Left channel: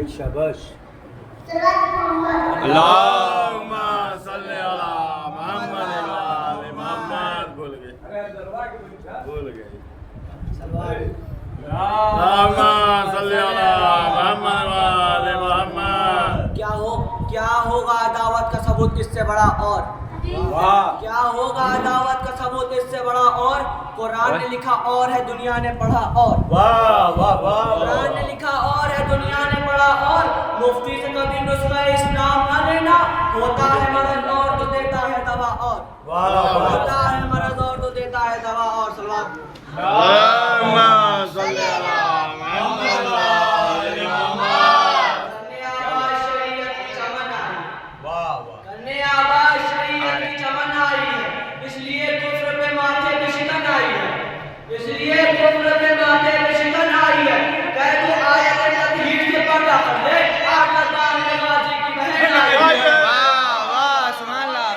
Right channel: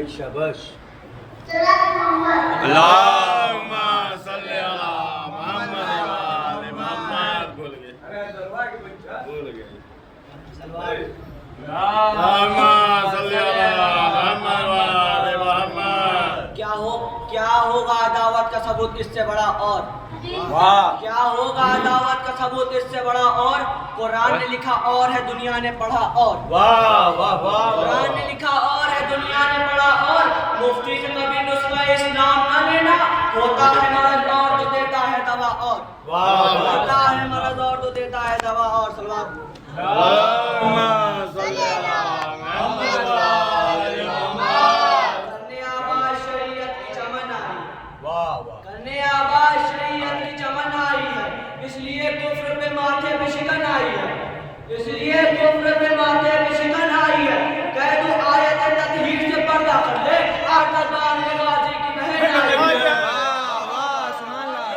भाई शाबाश। अल्लाहुम्मा सल्ली अला मुहम्मद व आले मुहम्मद। भूल गए अल्लाहुम्मा सल्ली अला मुहम्मद व आले मुहम्मद। क्या होगा अदावत का सबूत इससे बड़ा और? वाह क्या होगा अदावत का सबूत इससे बड़ा और? कुरान ने लिखा और है, दुनिया ने पढ़ा और। वाह वाह वाह। कुरान ने लिखा और है, दुनिया ने पढ़ा और। मुफ्ती से कभी नुस्खा इस्लाम न लेना। होता है मर्ज और तो देता है दवा और। वाह होता है मर्ज और तो देता है दवा और। सलवात। अल्लाहुम्मा सल्ली अला मुहम्मद व आले मुहम्मद। करने आवाज शरीयत की चमन आई। वाह वाह। करने आवाज शरीयत की चमन आई है, इसलिए कुफ्र पे माथे पे शिकन आई है। इसलिए कुफ्र पे माथे पे शिकन आई है। कह तू आयत तदहीर से पर्दा कर ले, आकर बार में गाजी की बहन आई है। वाह वाह सुभान अल्लाह।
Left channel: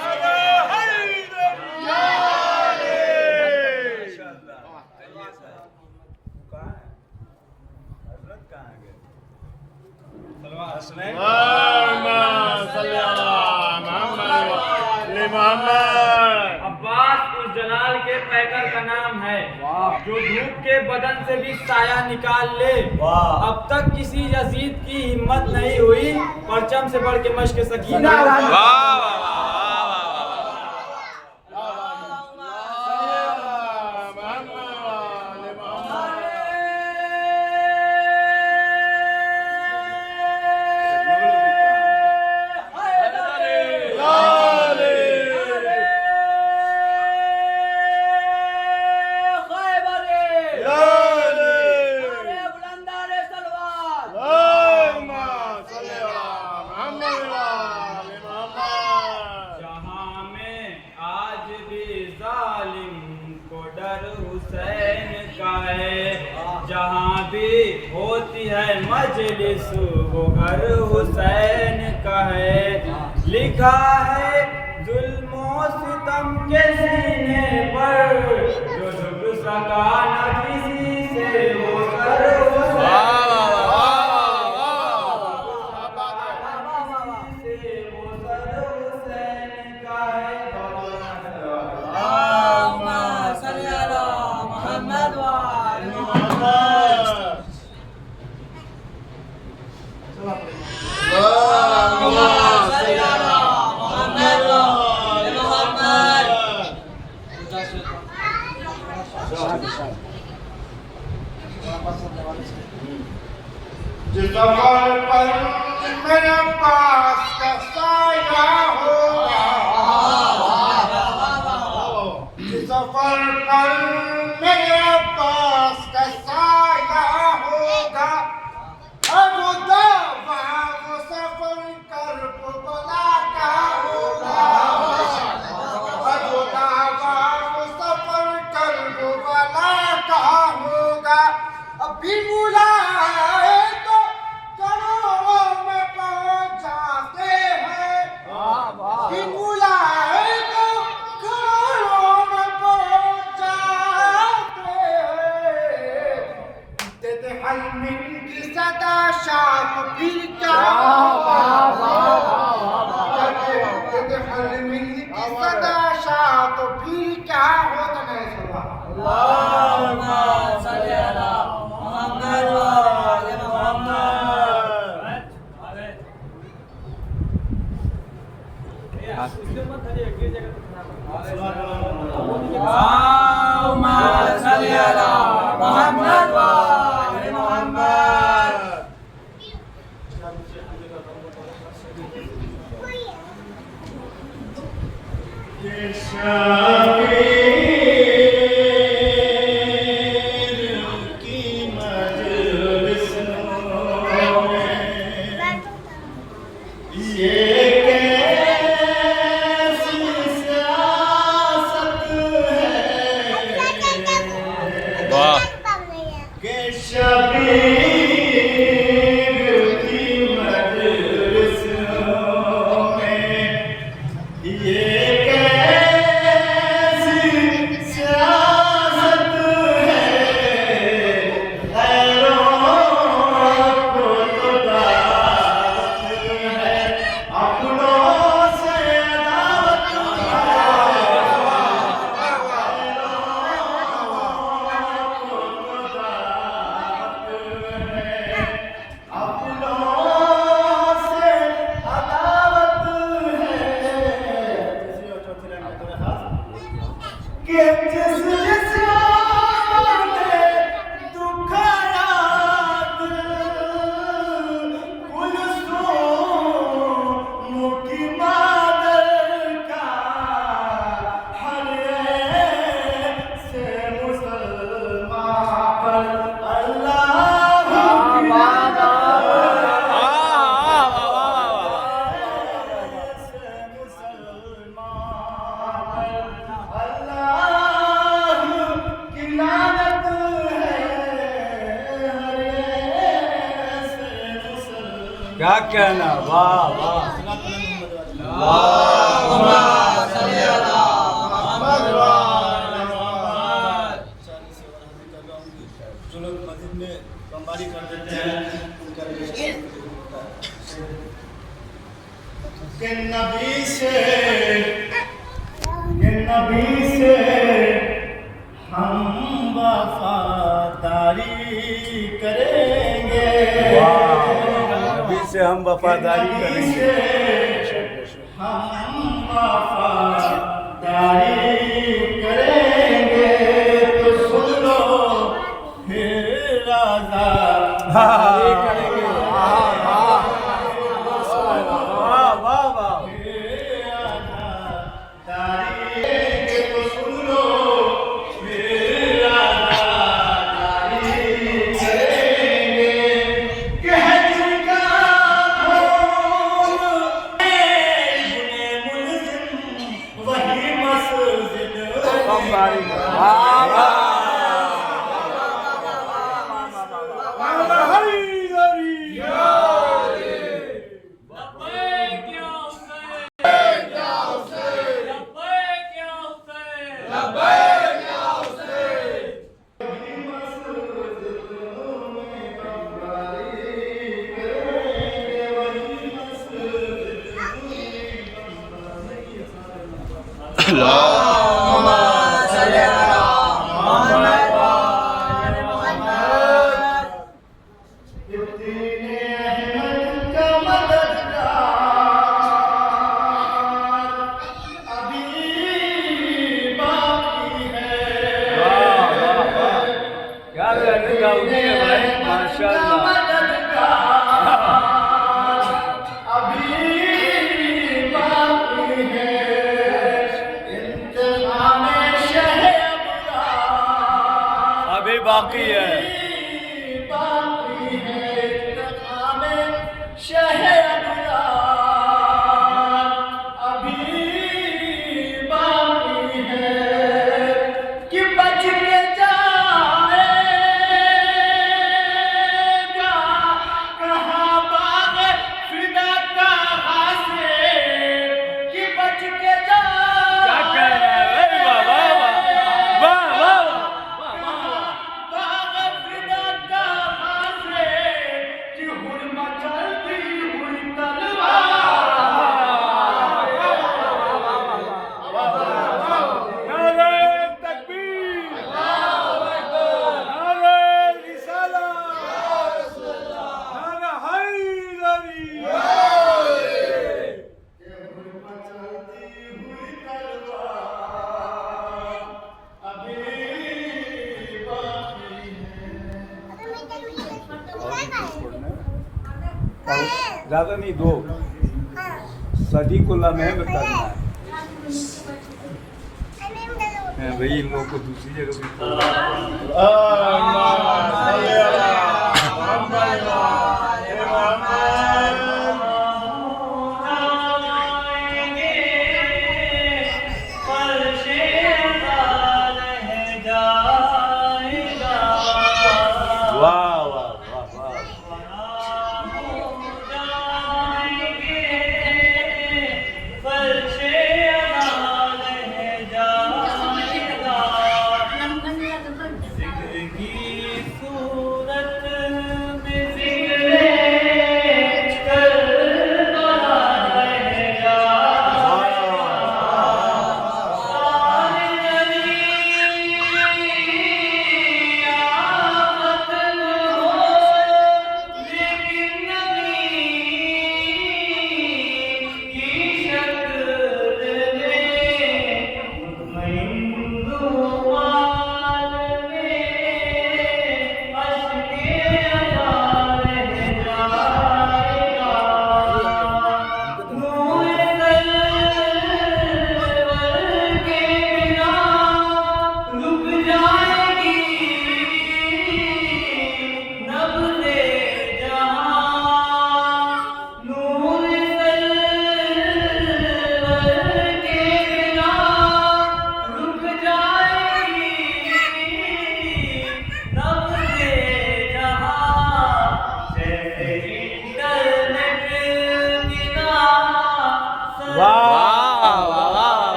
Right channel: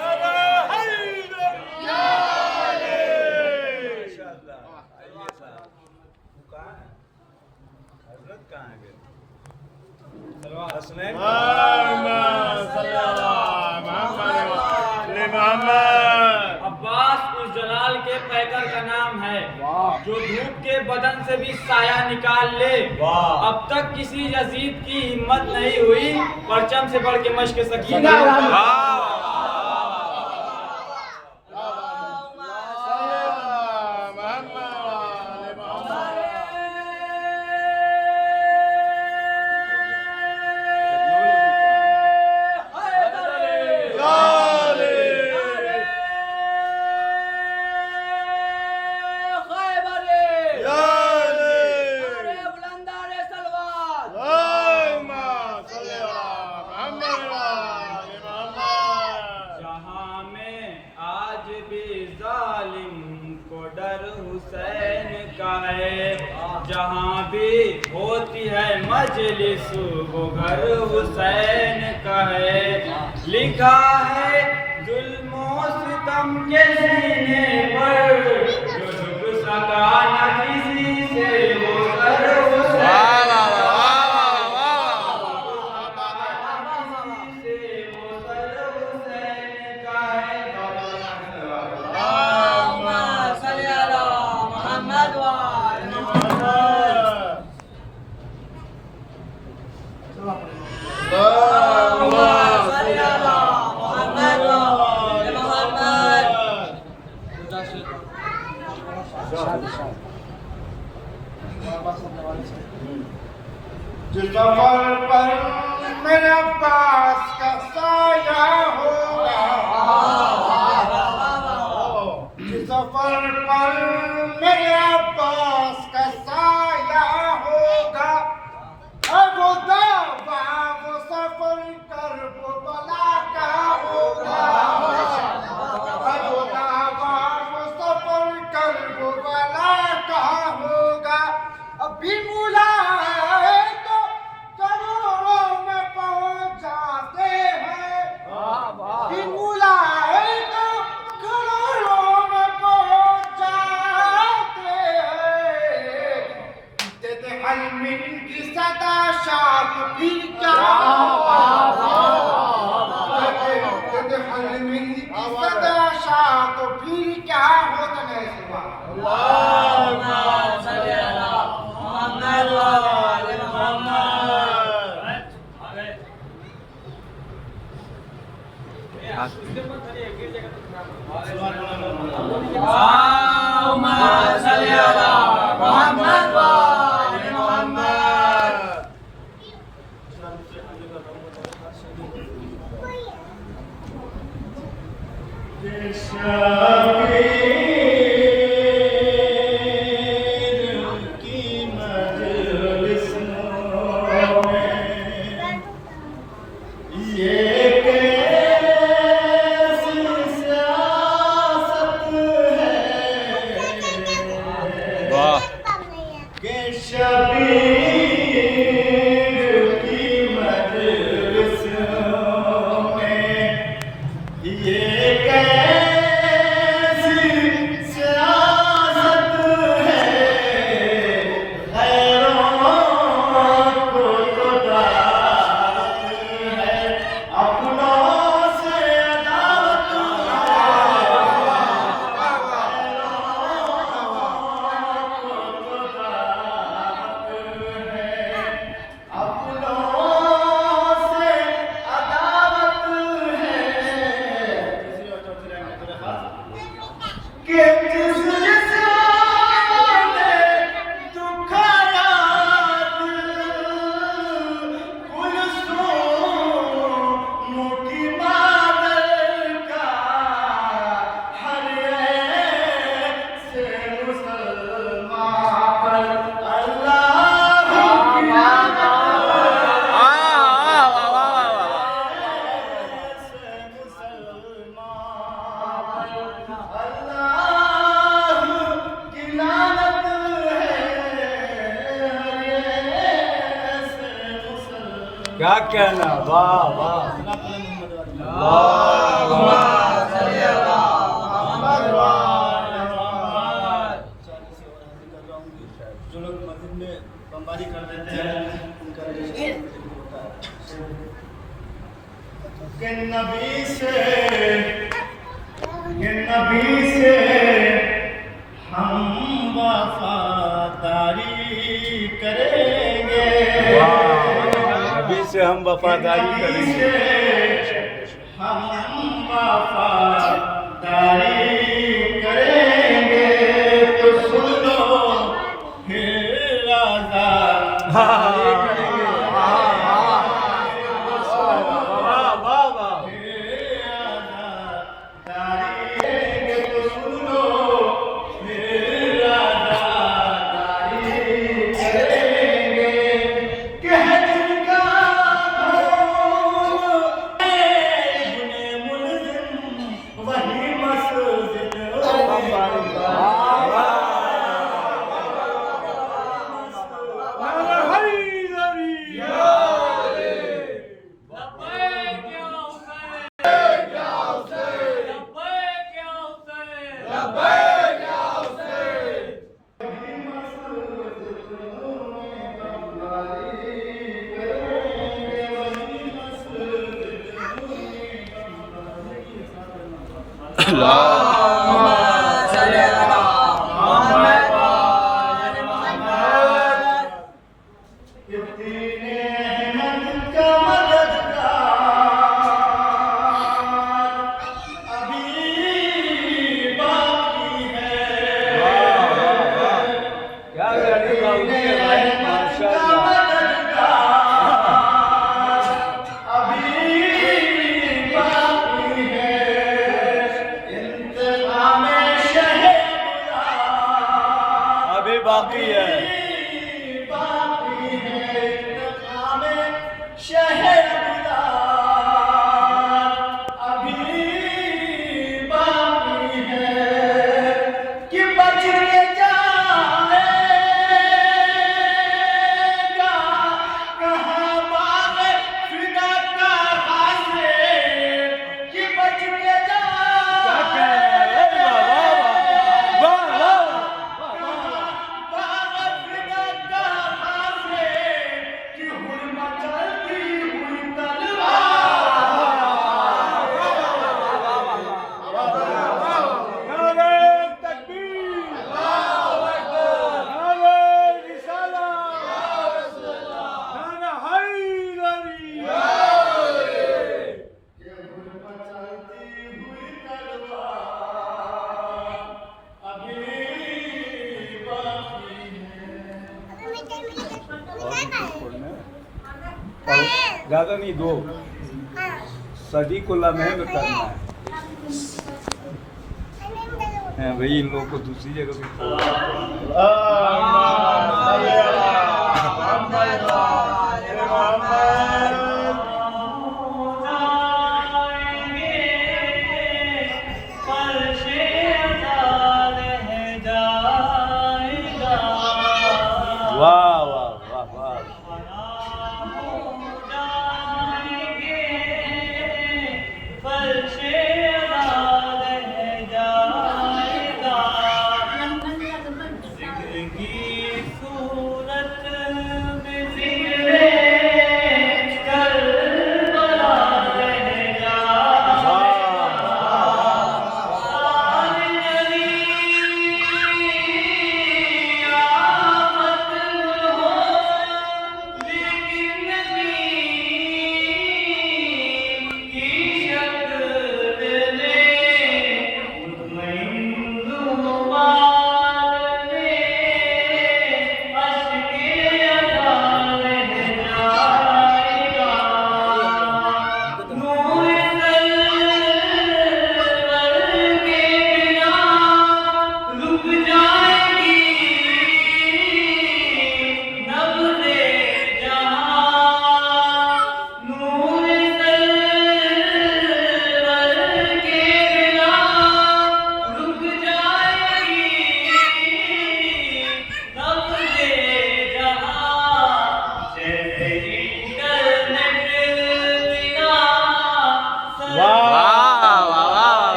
अब्बास उस जलाल के पैकर का नाम है जो धूप के बदन से भी साया निकाल ले। वाह। अब तक किसी यजीद की हिम्मत नहीं हुई परचम से बढ़ के मश्क सकीना। जहां में आज भी जालिम को डर हुसैन का है, जहां भी होती है मजलिस वो घर हुसैन का है। लिखा है जुल्मों सितम के सीने पर, जो झुक सका न किसी से वो घर हुसैन। जिस सफर पर मेरे पास का साया होगा, जिस सफर पर मेरे पास का साया होगा, अब वो दावा वो सफर कर वो बला का होगा, अब वो दावा वो सफर कर वो बला का होगा। अभी मुला है तो करोड़ों में पहुंच जाते हैं, अभी मुला है तो करोड़ों में पहुंच जाते हैं। तेरे हलमिन की सदा शाख फिर क्या तेरे हलमिन की सदा शाख फिर क्या होता है। कि जिस जिसने दुखाया दिल कुलसूम की मादर का हर से मुसलमान पर अल्लाह की क्या कहना, वाह वाह। जो लोग मस्जिद में बमबारी कर देते हैं उनका रजिस्ट्रेशन होता है कि नबी से हम वफादारी करेंगे, नबी से हम वफादारी करेंगे, हम वफादारी करेंगे। तो सुन लो फिर राजा वाह वाह वाह। बाकी है ज्यादा नहीं, 2 सदी को लम्हे में करना है भाई। इन लोगों को दूसरी जगह पे सूरत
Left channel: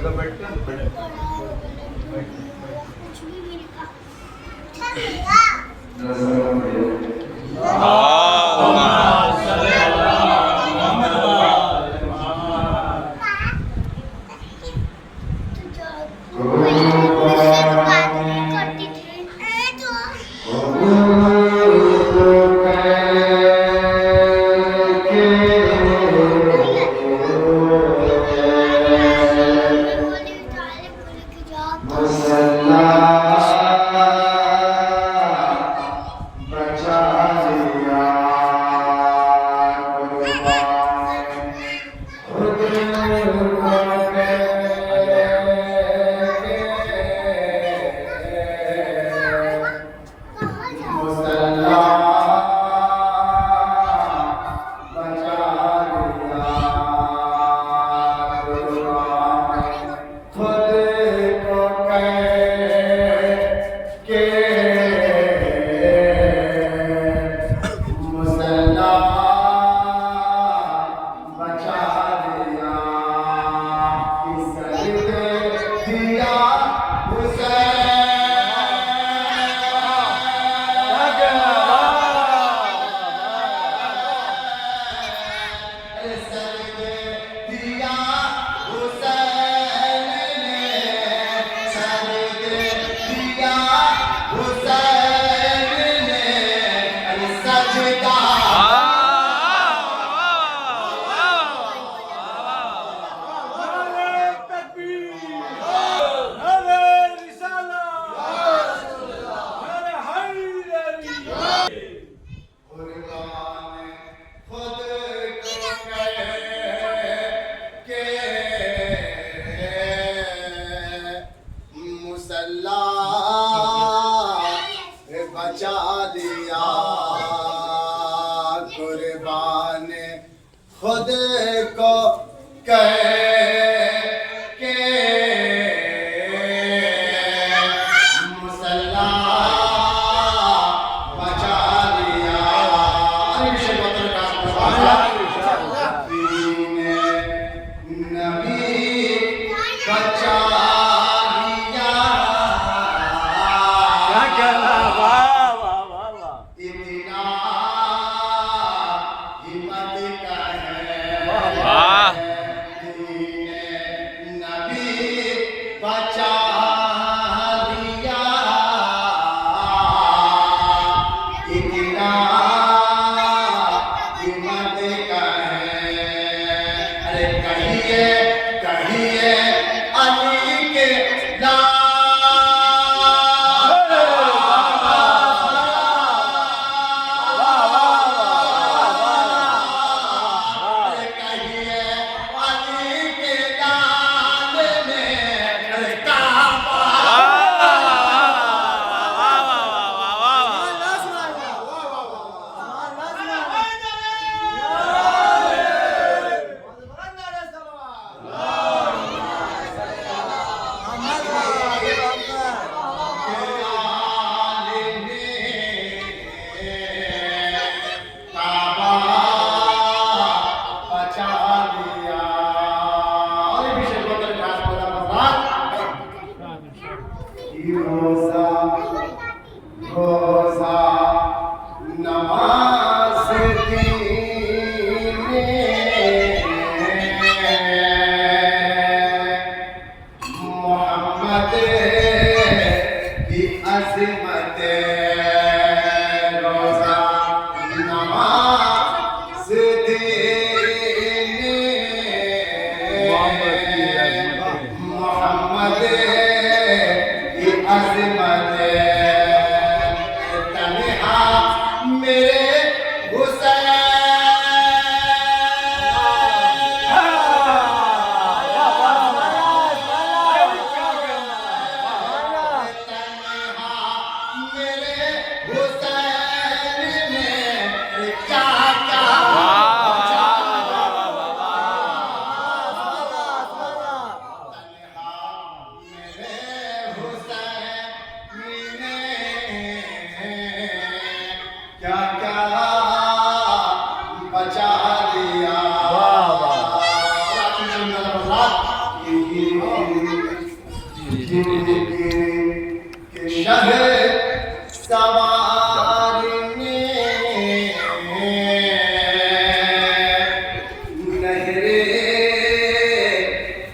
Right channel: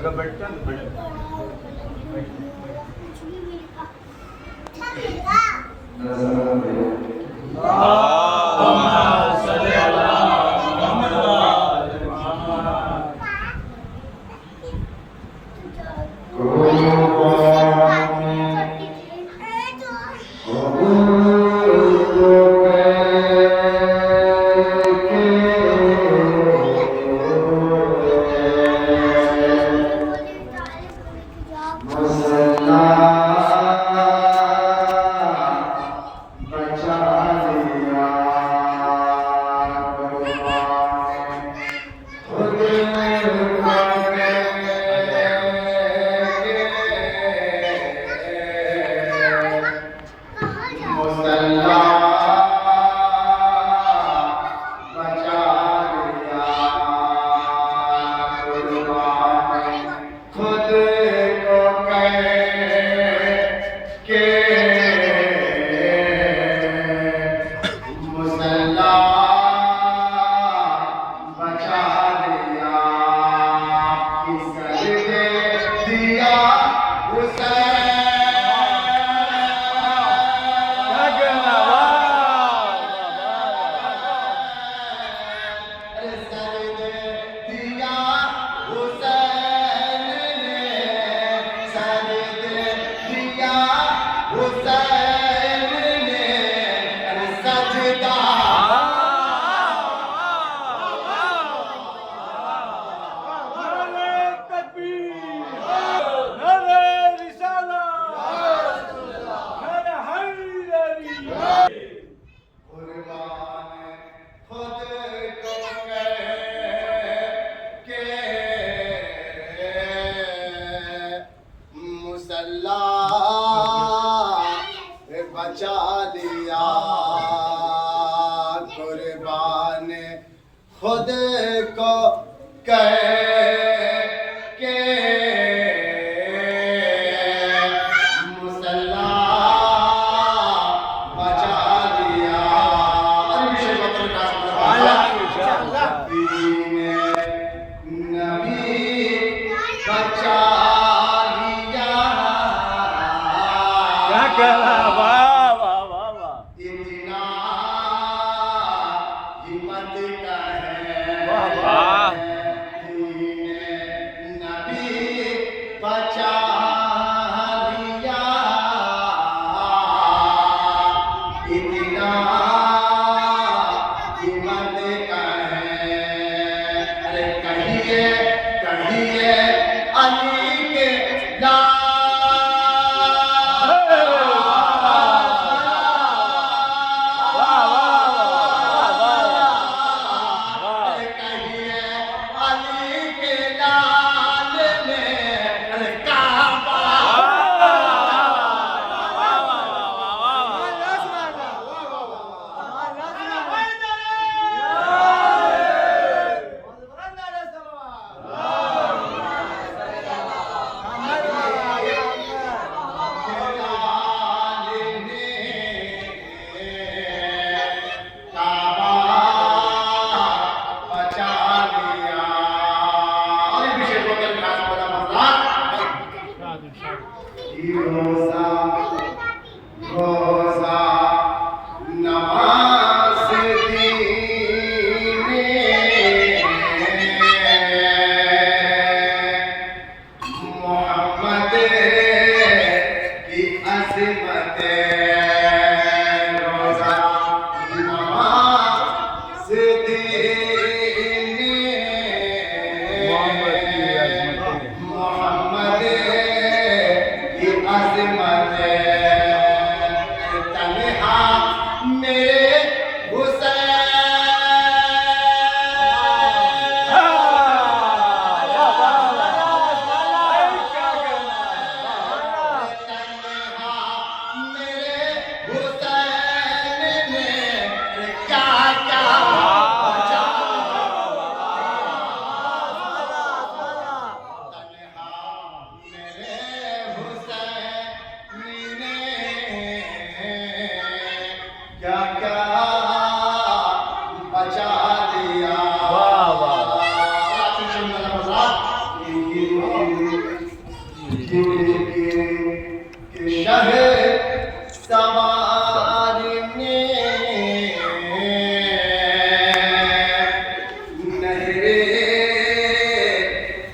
ऐसा बैठते हैं। बचा दिया कुर्बान खुद को कह के मुसल्ला बचा दिया। नबी बचा के शहर सवार ने नहरे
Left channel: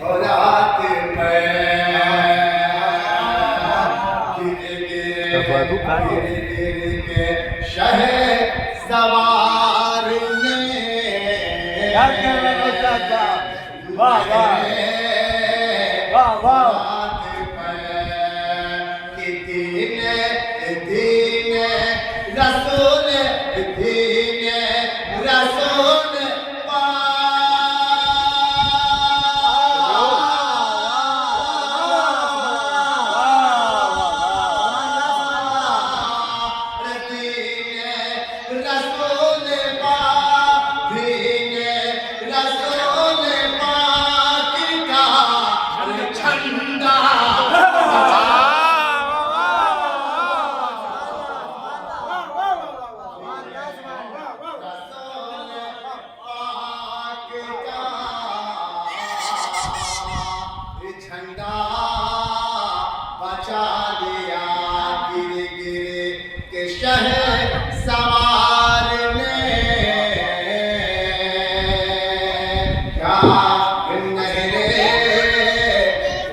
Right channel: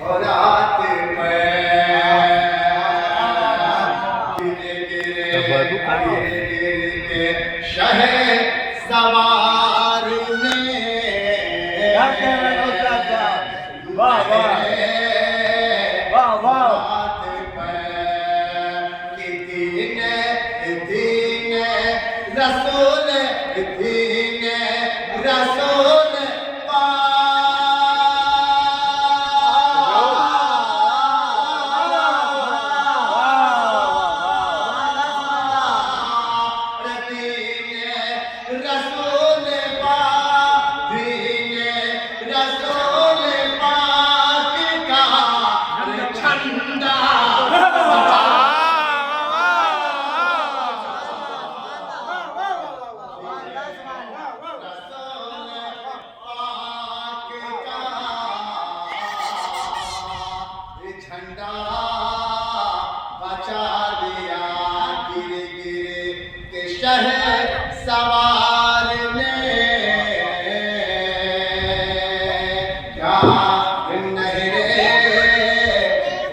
फरात पे गिर के शहर सवार ने वाह वाह वाह वाह रसूल झंडा बचा लिया गिर गिर के शहर सवार ने क्या नहरे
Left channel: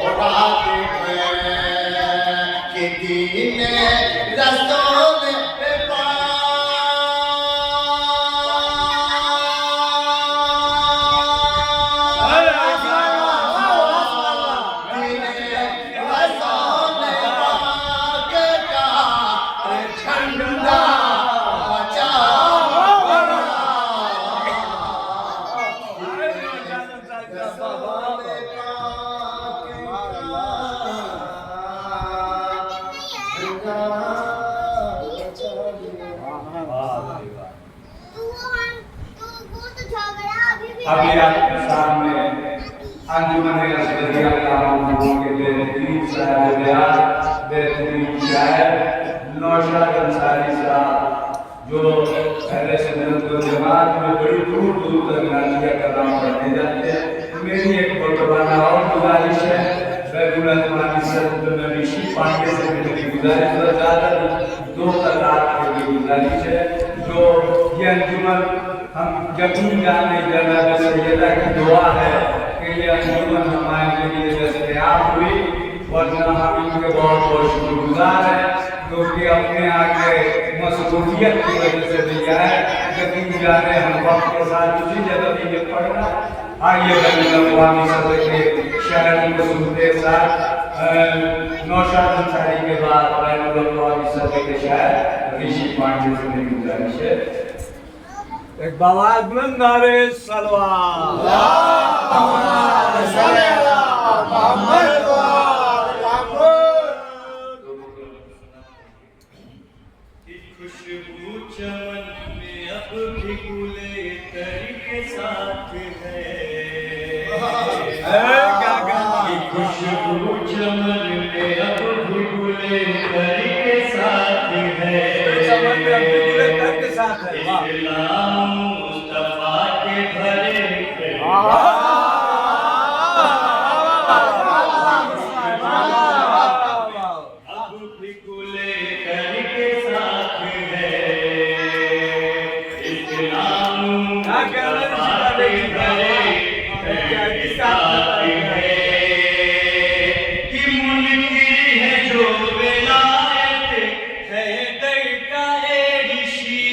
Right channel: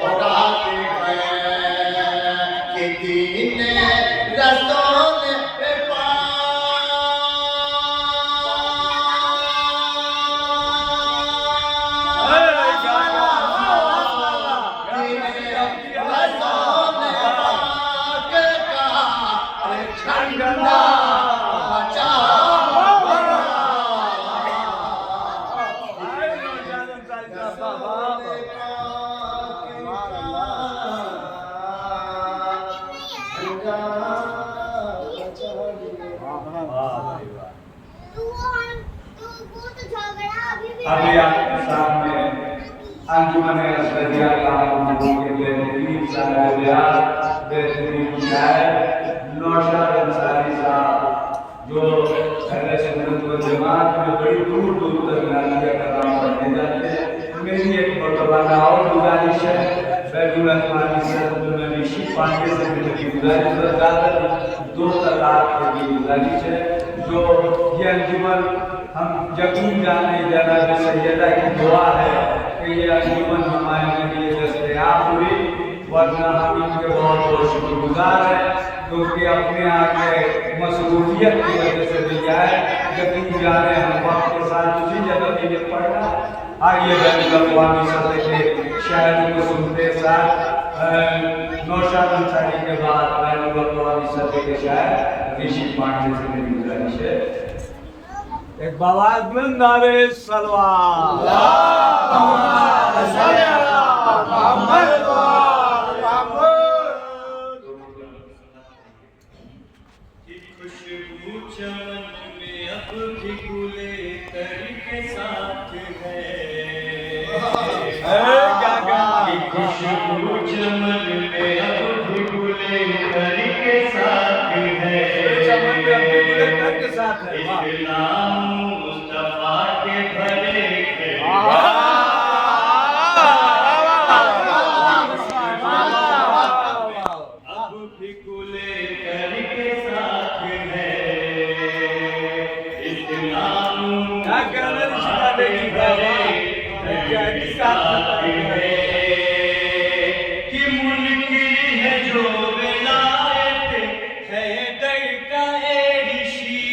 फरात पे के दीन रसूल अभी आपके सामने अंजुमन रज़िया अल्लाह के बेहतरीन साहिब बयान बेहतरीन शायर नौशाद अंसारी साहब जो अहले सुन्नत वल जमात में बड़ी दूर दूर तक नाज़िया कलाम पढ़ने जाते हैं। मेरी एक मुतवाना और गुजारिश है, बैगुल अजमानी सद में ऋषि पांडे से मेरी गुजारिश है, ज़्यादा दो कतार की गुजारिश है जो ये अंजुमन हम यकीन जाने जनाब सैयदा की दुआ है कि ये अंजुमन हमारे लिए दस्तयाब हुई, वरना हम इनके बहुत बहुत शुक्रगुजार हैं क्योंकि अपने आगे मसरूफियत की वजह से भी जाए यकीन जाने हम वक्त के साथ उसी जगह पे ये पढ़ना। आइए बैनुल अक़वामी सतह के शायरों को सुनते साथ नौशाद अंसारी के बाद बैनुल अक़वामी सतह के शायर ऋषि पांडे से मेरी गुजारिश है, एक बवाल बुलंद नारे सलवात खुशबू चमन में अब भी गुले तरी के साथ है, खुशबू चमन में अब भी गुले तरी के साथ है, इस्लाम मुस्तफा के भरे अब भी गुले तरी के साथ है, इस्लाम मुस्तफा के भरे साथ है कि मुनकिर है जो विलायत है दर का ऋषि,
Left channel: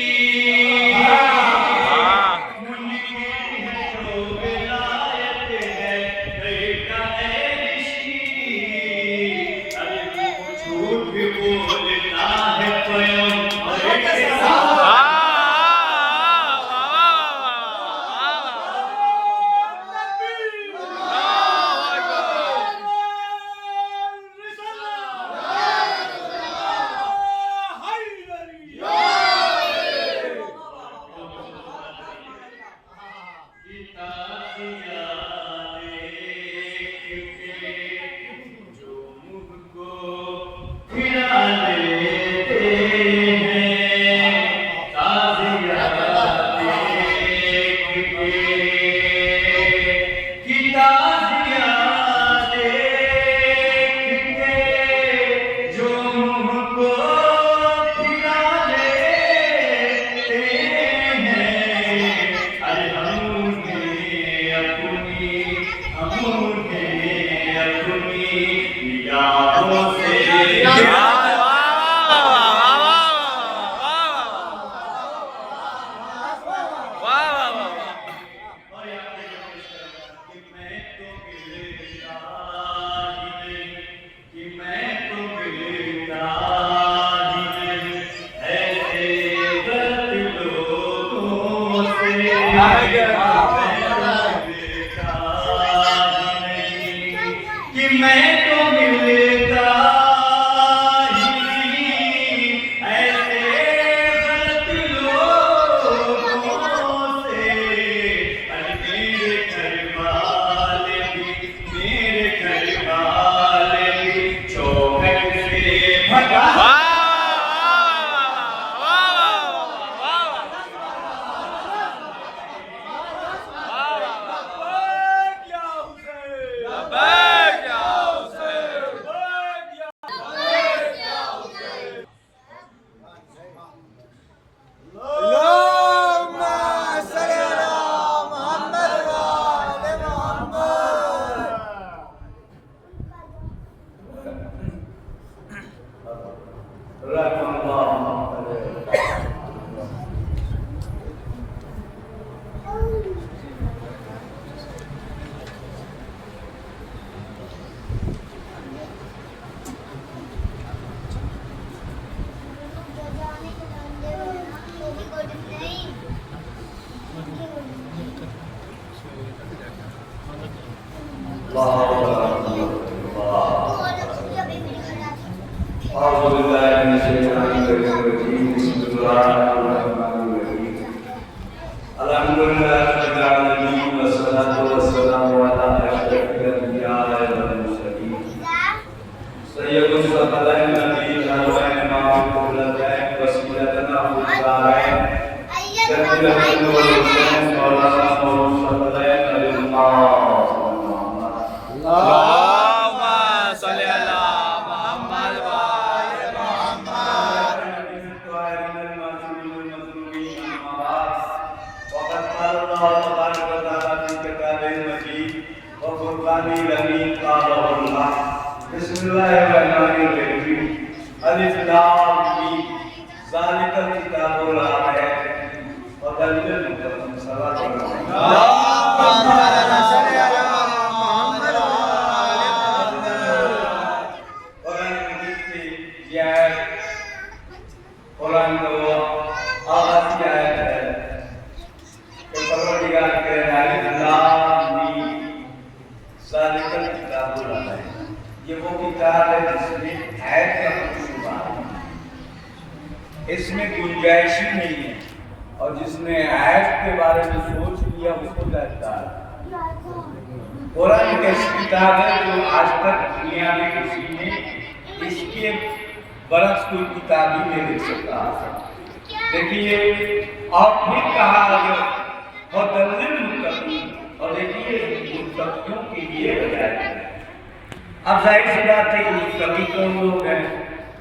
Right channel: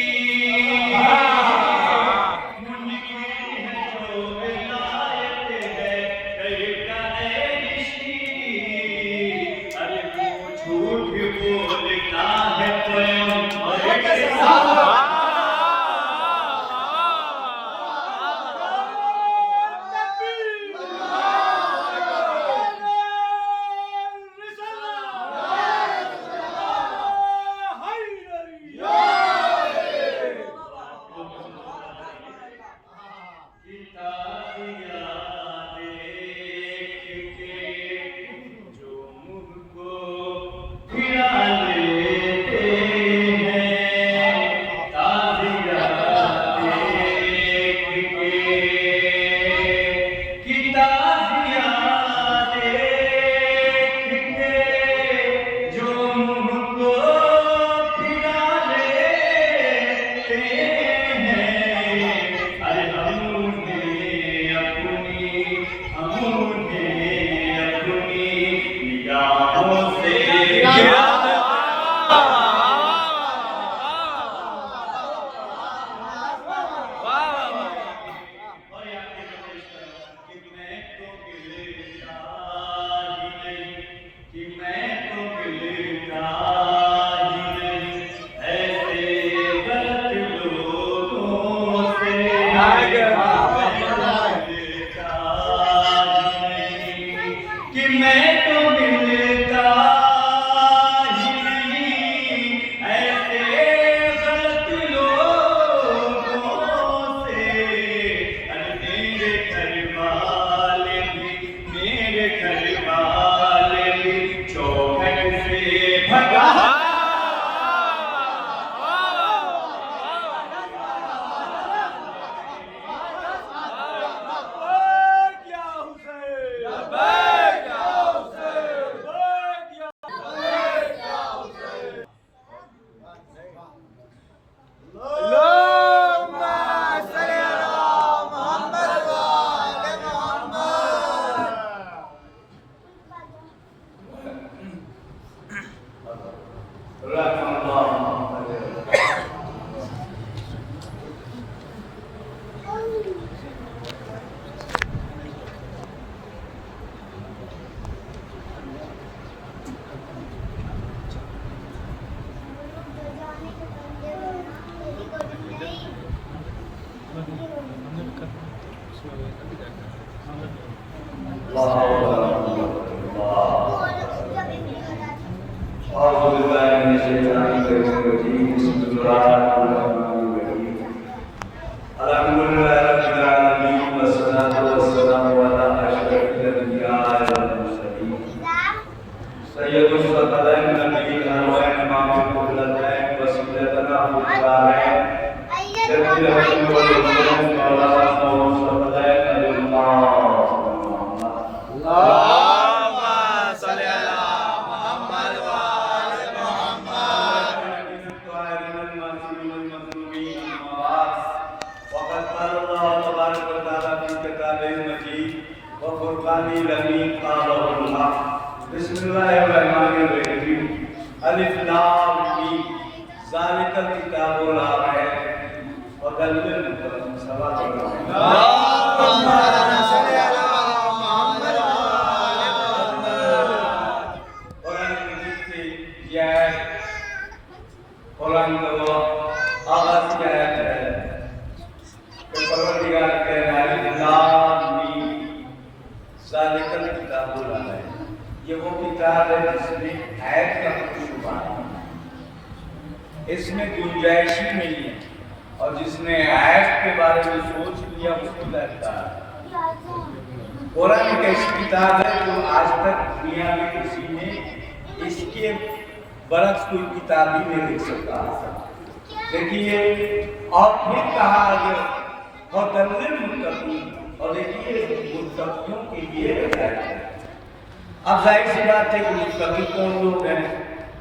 मुनकिर है जो विलायत है दर का ऋषि, अरे झूठ बोलता है पैगंबर के साथ जो मुझको फिरा लेते इसमें गुंजाइश ही नहीं है, और जिसने ऐश के बारे में सोच लिया उसको लगता है। कुरान एक ऐसी किताब है जो आज तक दुनिया में किसी ने इसके बरस कोई किताब ही नहीं लिख सकता। देखिए, और फिर कहा और देखिए मुत्तकियों के लिए बताया। अब जाहिर सी बात है कि मुत्तकी कौन लोग हैं?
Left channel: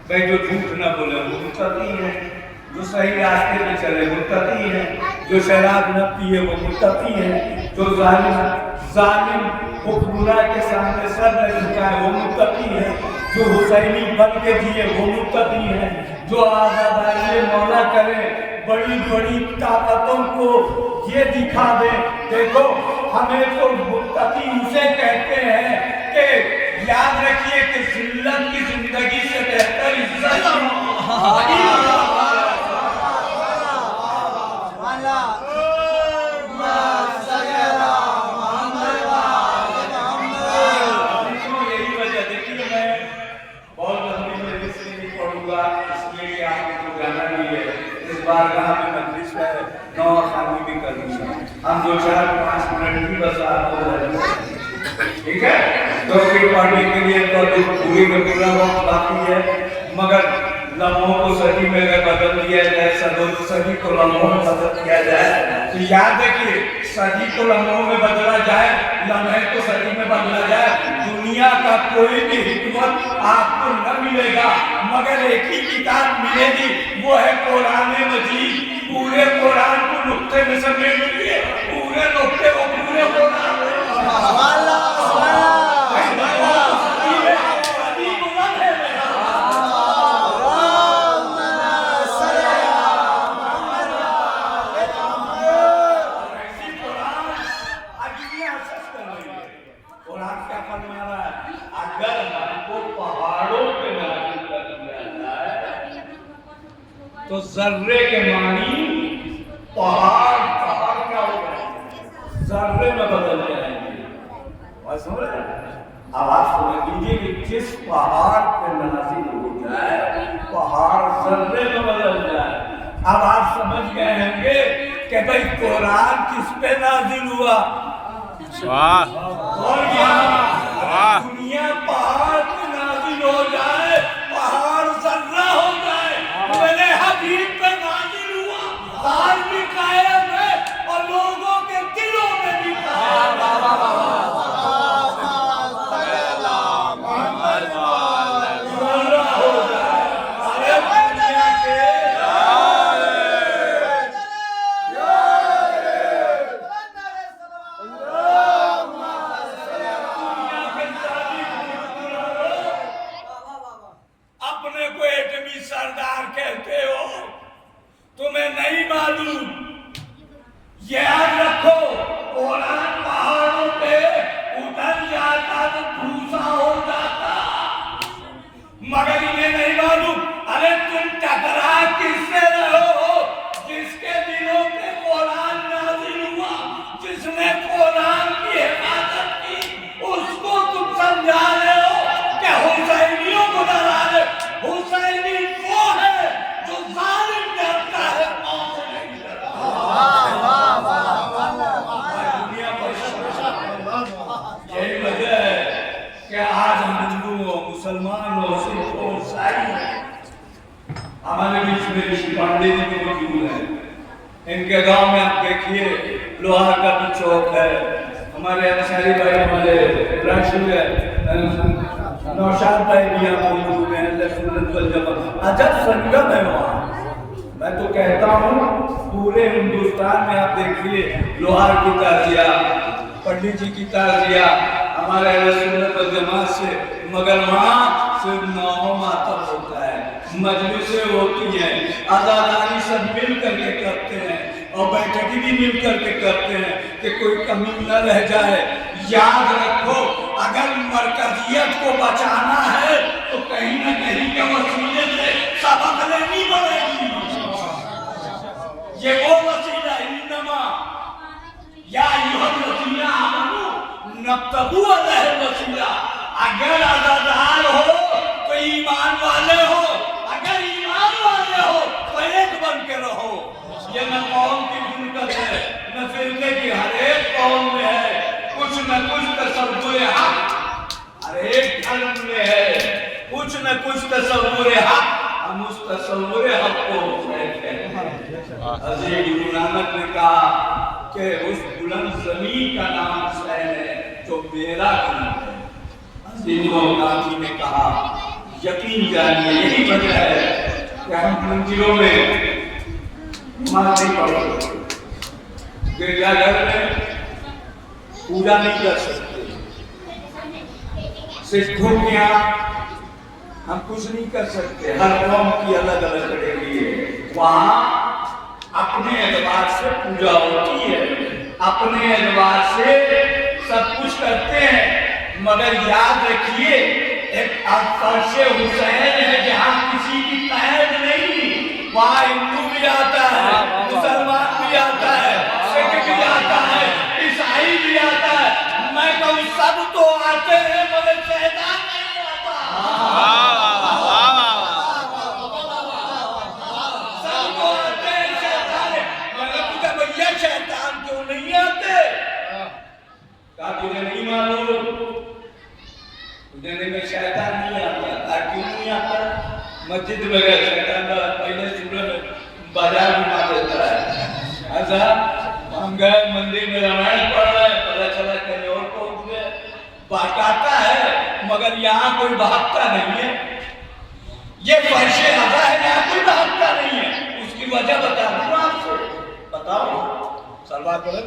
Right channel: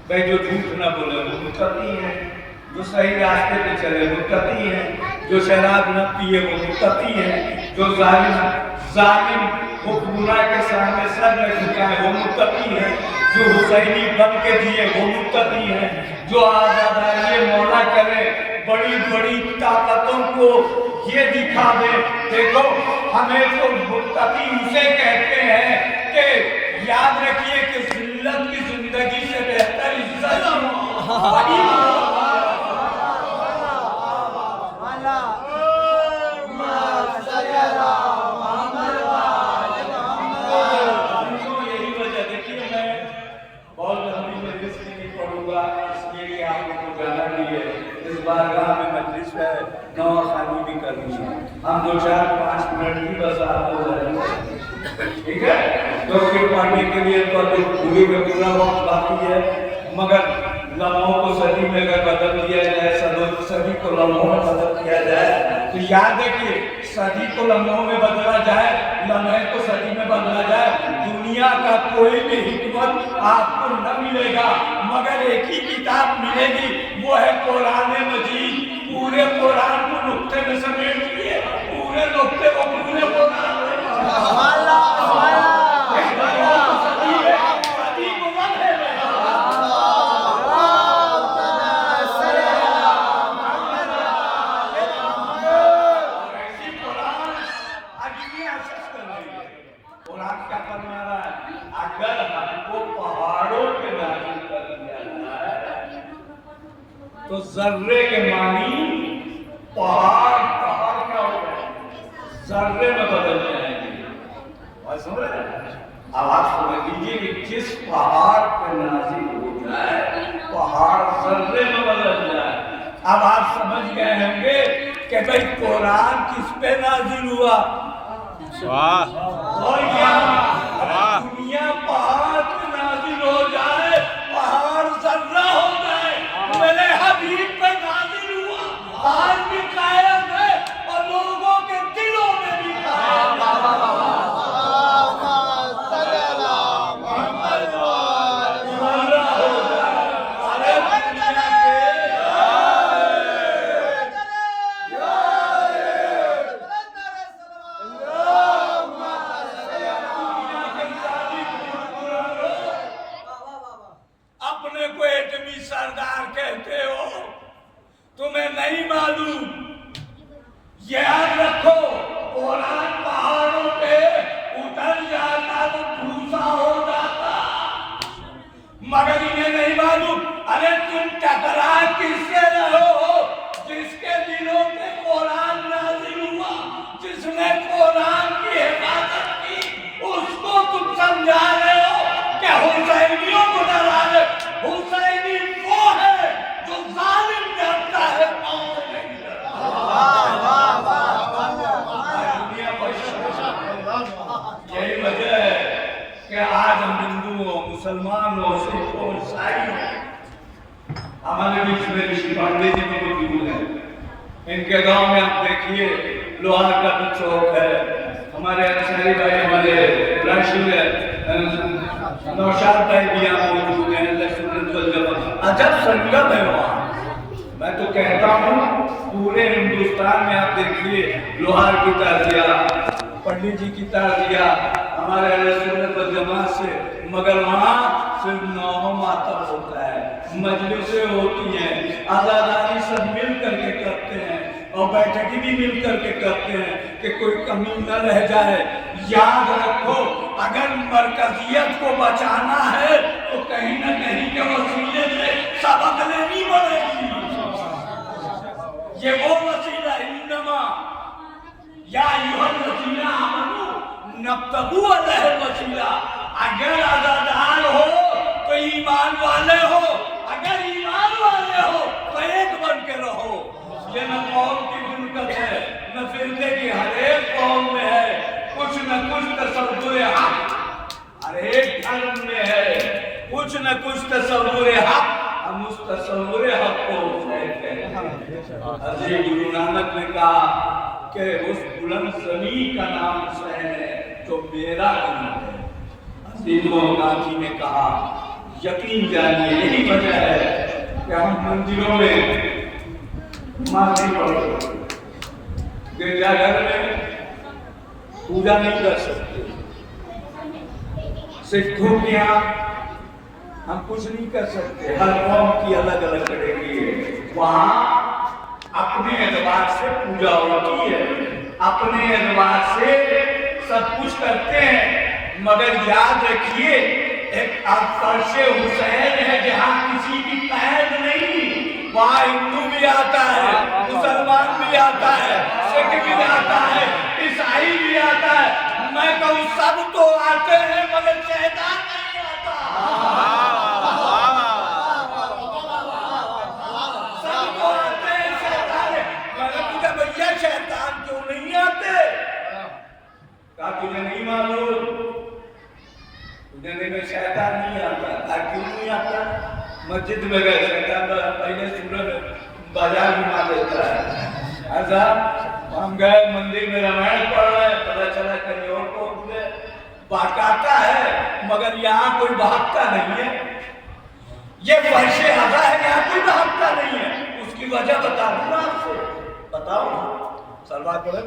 भाई जो झूठ ना बोले वो मुत्तकी है, जो सही रास्ते पे चले मुत्तकी है, जो शराब न पिए वो मुत्तकी है, जो जालिम वो बुरा के सामने सर न झुकाए वो मुत्तकी है, जो हुसैनी बन के जिए वो मुत्तकी है, जो आज़ादारी मौला करे, बड़ी बड़ी ताकतों को ये दिखा दे। देखो, हमें तो मुत्तकी उसे कहते हैं कि याद रखिए कि जिल्लत की जिंदगी से बेहतर इज्जत यही वजह। देखिए, मैं बहुत लंबी मजलिस में नहीं पढ़ूंगा, इसलिए कि आपको तो जाना भी है। इस बारगाह में मजलिस है, 9 खानी भी करनी है। हम 2-4-5 मिनट की बस आपको, ठीक है? तो फिर पढ़ने के लिए तो पूरी का पूरा वक्त बाकी है, मगर लम्हों को सदी में अगर बदल दिया जाए, सदी को लम्हों में बदल दिया जाए, तो याद है कि सदी को लम्हों में बदला जाए, लम्हे को सदी में बदला जाए, दुनिया का कोई भी हिकमत आपको न मिलेगा, मगर एक ही किताब मिलेगी, वो है कुरान मजीद। पूरे कुरान को नुक्ते में समेट लिए, पूरे नुक्ते को पूरे कुरान तो जर्रे के मानी पहाड़ पहाड़ क्या हो जाएंगे, जर्रे में बदल जाएंगे। बात समझ रहे हैं? अब आप समझ लीजिए कि जिस पहाड़ पे नाजिल हो जाए पहाड़ जर्रे में बदल जाए। अब आप समझ गए होंगे कि भाई कुरान किस पे नाजिल हुआ। वाह और यहाँ दुनिया पहाड़ पे नाजिल हो जाए, पहाड़ जर्रा हो जाए, मेरे हबीब पे नाजिल हुआ, आज भी कायम है और लोगों के दिलों में भी कायम है। जर्रा हो जाए, अरे दुनिया के अपने को एटमी सरदार कहते हो, तुम्हें नहीं मालूम। याद रखो कुरान पहाड़ों पे उतर जाता तो भूसा हो जाता, मगर इन्हें नहीं मालूम। अरे तुम टकरा किससे रहो हो? जिसके दिलों पे कुरान नाजिल हुआ, जिसने कुरान की हिफाजत की, उसको तुम समझा रहे हो क्या हुसैनियों को डरा रहे? हुसैनी वो है जो जालिम डरता है, कौन से नहीं डरता। दुनिया यही वजह है कि आज हम हिंदू हो, मुसलमान हो, सिख हो, ईसाई हो, हमारे बीच में ऋषि पांडे जी भी मौजूद हैं। इनके गांव में आप देखिए लोहार का भी चौक है, हमारे अंसारी भाई हमारे नौशाद भाई भी यहाँ मौजूद हैं, सुन्नत वल जमात। अजब संगम है वहाँ। मैं तो कहता हूँ पूरे हिंदुस्तान में आप देखिए लोहार की ताजिया, पंडित जी की ताजिया, हमारे सुन्नत वल जमात से, मगर वहाँ सिर्फ नौ मातम होता है, मजलिसें होती हैं, आजादारी सब मिल करके करते हैं और बैठकी भी मिल करके करते हैं कि कोई कमी न रह जाए। याद रखो अगर मरकजियत को बचाना है तो कहीं न कहीं के वसीले से सबक लेनी पड़ेगी। ये वो वसीला इन्नमा या युहल वसीला आमनु नब्तगु अलैहि वसीला। अगर आजादार हो तो ईमान वाले हो, अगर ईमान वाले हो तो एक बन के रहो। ये न कौम की दुर्गत है, न फिरके की, हर एक कौम में है कुछ न कुछ तसव्वुर हक, हर एक धर्म में है कुछ न कुछ तसव्वुर हक। हम उस तसव्वुर हक को कहते हैं। हज़रत गुरु नानक ने कहा कि उस बुलंद ज़मीन का नाम हुसैन है जो मेरा गुरु है। हज़रत गांधी ने कहा यकीन जानिए यही वजह है कि हम मंदिरों में नमाज नहीं पढ़ सकते, गिरजाघर में पूजा नहीं कर सकते, सिखों के यहाँ हम कुछ नहीं कर सकते। हर कौम की अलग अलग करेगी है, वहाँ अपने एतबार से पूजा होती है, अपने एतबार से सब कुछ करते हैं। मगर याद रखिए एक फर्शे हुसैन है जहाँ किसी की पैर नहीं, वहाँ हिंदू भी आता है, मुसलमान भी आता है, सिख भी आता है, ईसाई भी आता है। मैं कहूँ सब तो आते हैं मगर शैतान नहीं आता। सबको आते हैं शैतान, मगर पूछा भैया शैतान क्यों नहीं आते? कहा तुझे नहीं मालूम, तुझे में शैतान नहीं आता। क्यों नहीं आता? मस्जिद में गए शैतान पहले सूरज बाजार घुमा देता है। ऐसा हम गए मंदिर में रामायण पढ़ रहे, पता चला कहीं और पहुंच गए। भागता है मगर यहाँ कोई भागता नहीं है। ये फर्शे अज़ा है, यहाँ कोई भागता नहीं है। उसकी वजह बता दूँ आपको, बताओ सलवार पढ़े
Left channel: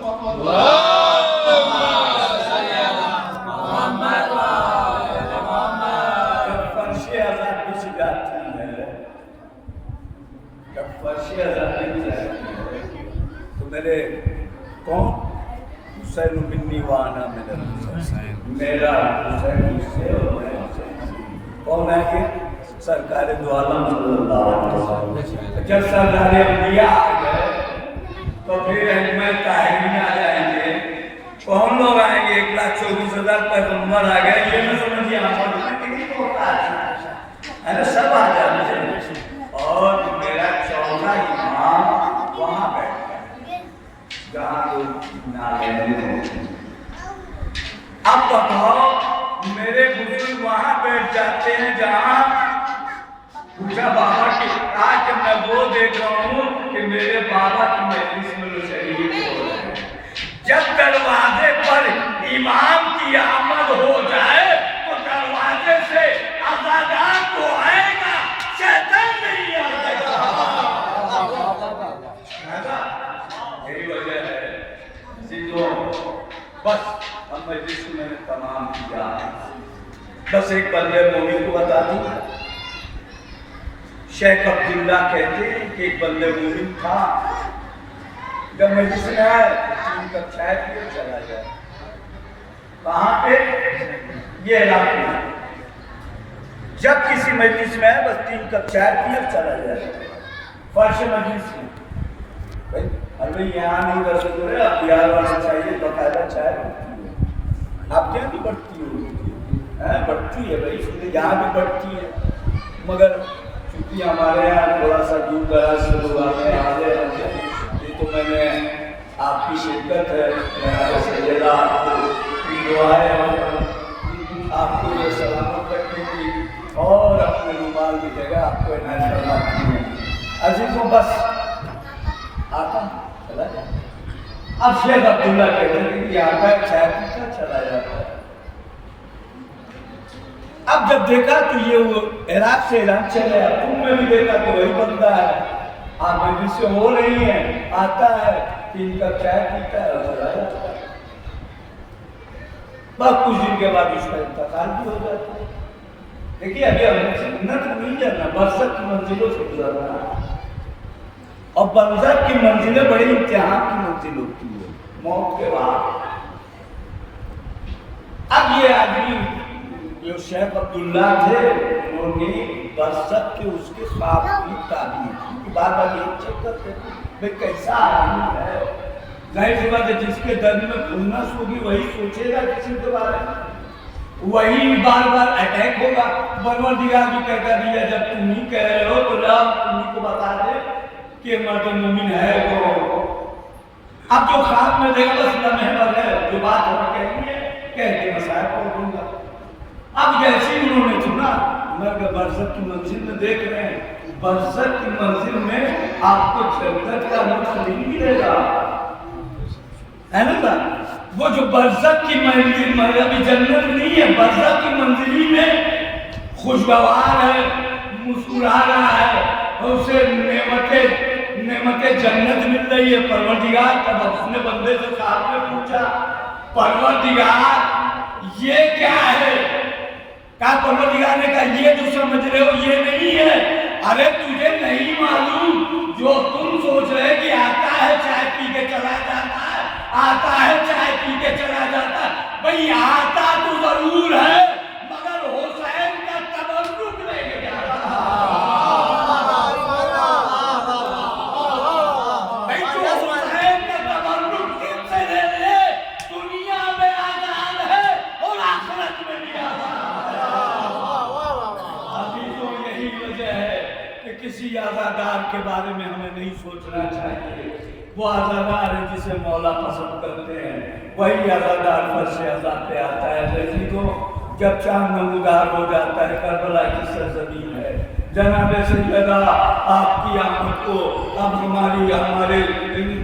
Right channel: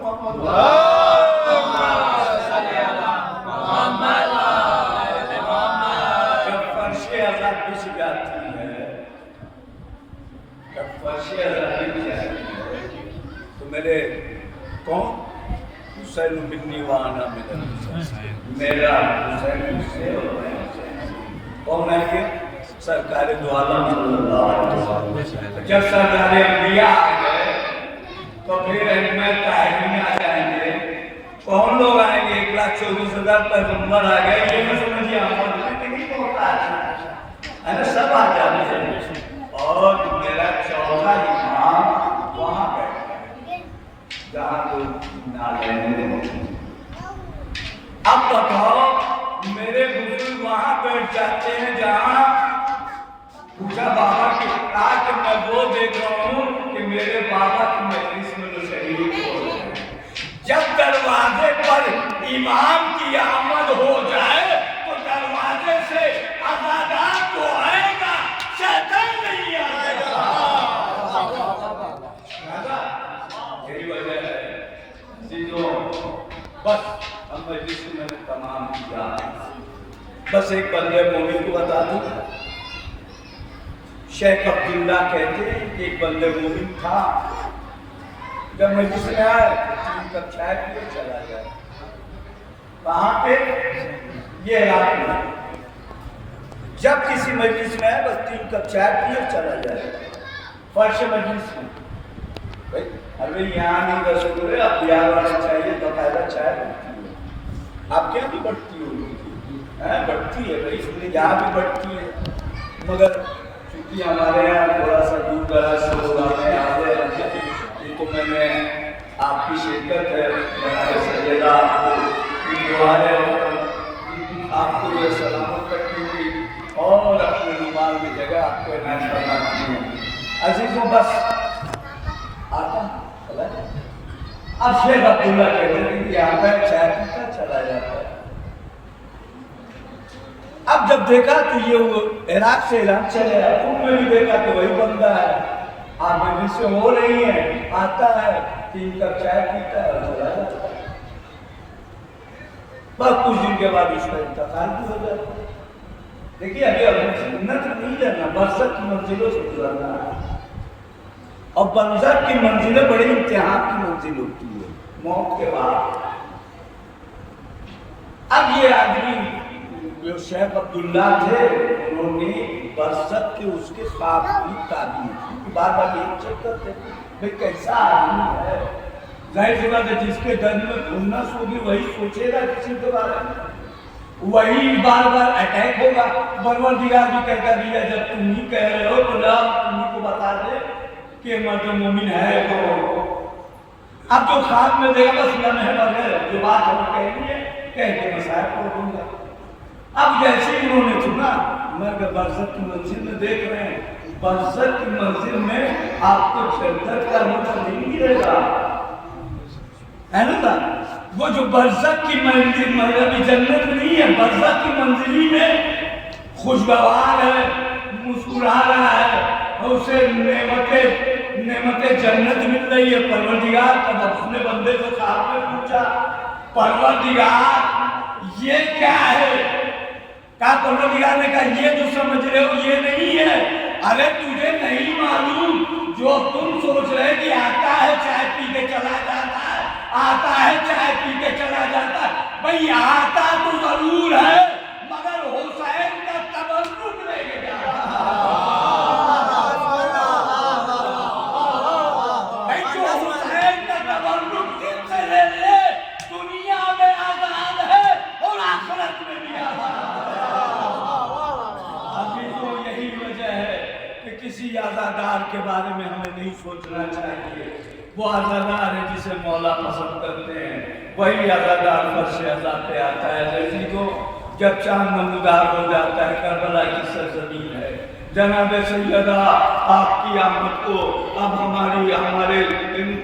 तो मेरे कौन हुसैन मिन्नी वाना मेरा हुसैन मुझसे और मैं हुसैन। कौन है ये? सरकार दो आलम जब सरकार इंडिया आ गए तो फिर अहमद ताहिरी आ जाएंगे। कौन लोग आएंगे? 1,24,000 पैगंबर आ गए। ये न समझिए अरे सब आ जाते हैं। और मेरा 14 इमाम वहां बैठता है जहाँ लोग नाले। अब बताओ मेरे बुजुर्ग वहां बैठ जाते हैं जहाँ पूछा बाबा की आज मैं वो देख रहा हूँ कि मेरे बाबा की मजलिस में लोग शरीर हो रहे हैं। जब दरवाजे पर इमाम की आमद हो जाए तो दरवाजे से अज़ादार तो आएगा, शैतान नहीं आएगा। यही वजह है सीधो बस हम मजलिस में तमाम किया। बस एक बंदे मोमिन को बता दूं, शेख अब्दुल्ला कहते हैं कि एक बंदे मोमिन था, जब मजलिस में आए 3 कप चाय पिए चला जाए। कहाँ पे? ये इलाके में। जब किसी मजलिस में आए बस 3 कप चाय पिए चला जाए। फर्श मजलिस में अरे यहाँ नहीं रसोई, अब बिहार वाला चाहिए बकायदा चाय बढ़ती है। आप क्या भी बढ़ती हो? बढ़ती है भाई, इसलिए यहाँ भी बढ़ती है। मगर क्योंकि हमारे यहाँ थोड़ा सा दूर दराज से लोग आते हैं, ये तो मैंने आपकी शिरकत है, मैं सैयदा आपको दुआ है और आपको ये सलामत रखने की और अपने रुमाल में जगह आपको इनायत करना चाहिए। अजीजों बस आता चला जाए। अब शेख अब्दुल्ला कहते हैं कि आता है चाय पीता चला जाता है। अब जब देखा तो ये वो इराक से ईरान चले आया, तुमने भी देखा तो वही बंदा है। आप मजलिस से हो रही है, आता है 3 कप चाय पीता है और चला जाता है। बस कुछ दिन के बाद उसका इंतकाल भी हो जाता है। देखिए अभी हमें जन्नत मिल जाना, बरसत की मंजिलों से गुजरना है। और बरसत की मंजिलें बड़ी इम्तिहान की मंजिल होती है मौत के बाद। अब ये आदमी जो शेख अब्दुल्ला थे उन्होंने बरसत के उसके ख्वाब की ताबीर की। बार बार ये चेक करते थे भाई कैसा आदमी है। जाहिर सी बात है जिसके दिल में खुन्नस होगी वही सोचेगा किसी के बारे में, वही बार बार अटैक होगा। परवरदिगार भी कहता भैया जब तुम ही कह रहे हो तो रब तुम्ही को बता दे कि मर्द मोमिन है। तो अब जो ख्वाब में देखा बस लम्हे भर है, जो बात हमें कहनी है कह के मसाया कर दूंगा। अब जैसे ही उन्होंने सुना, मगर बरसत की मंजिल में देख रहे हैं, बरसत की मंजिल में आपको जन्नत का लुत्फ नहीं मिलेगा, है ना? वो जो बरसत की मंजिल अभी जन्नत नहीं है, बरसत की मंजिल में खुशगवार है, मुस्कुरा रहा है और उसे नेमतें जन्नत मिल रही है। परवरदिगार तब अपने बंदे से साहब ने पूछा, परवरदिगार ये क्या है? कहा परवरदिगार ने कहा ये जो समझ रहे हो ये नहीं है। अरे तुझे नहीं मालूम जो तुम सोच रहे कि आता है चाय पी के चला जाता है, आता है चाय पी के चला जाता है। भाई आता तो जरूर है मगर हुसैन का तबर्रुक लेके जा रहा भाई, जो हुसैन का तबर्रुक दिल से ले ले दुनिया में आजाद है और आखिरत में भी आजाद। अभी तो यही वजह है कि किसी आजादार के बारे में हमें नहीं सोचना चाहिए। वो आजादार है जिसे मौला पसंद करते हैं, वही आजादार फर्श आजाद पे आता है। जैसी को जब चांद नमूदार हो जाता है, करबला की सरजमीन है। जनाब सैयदा आपकी आमद को अब हमारे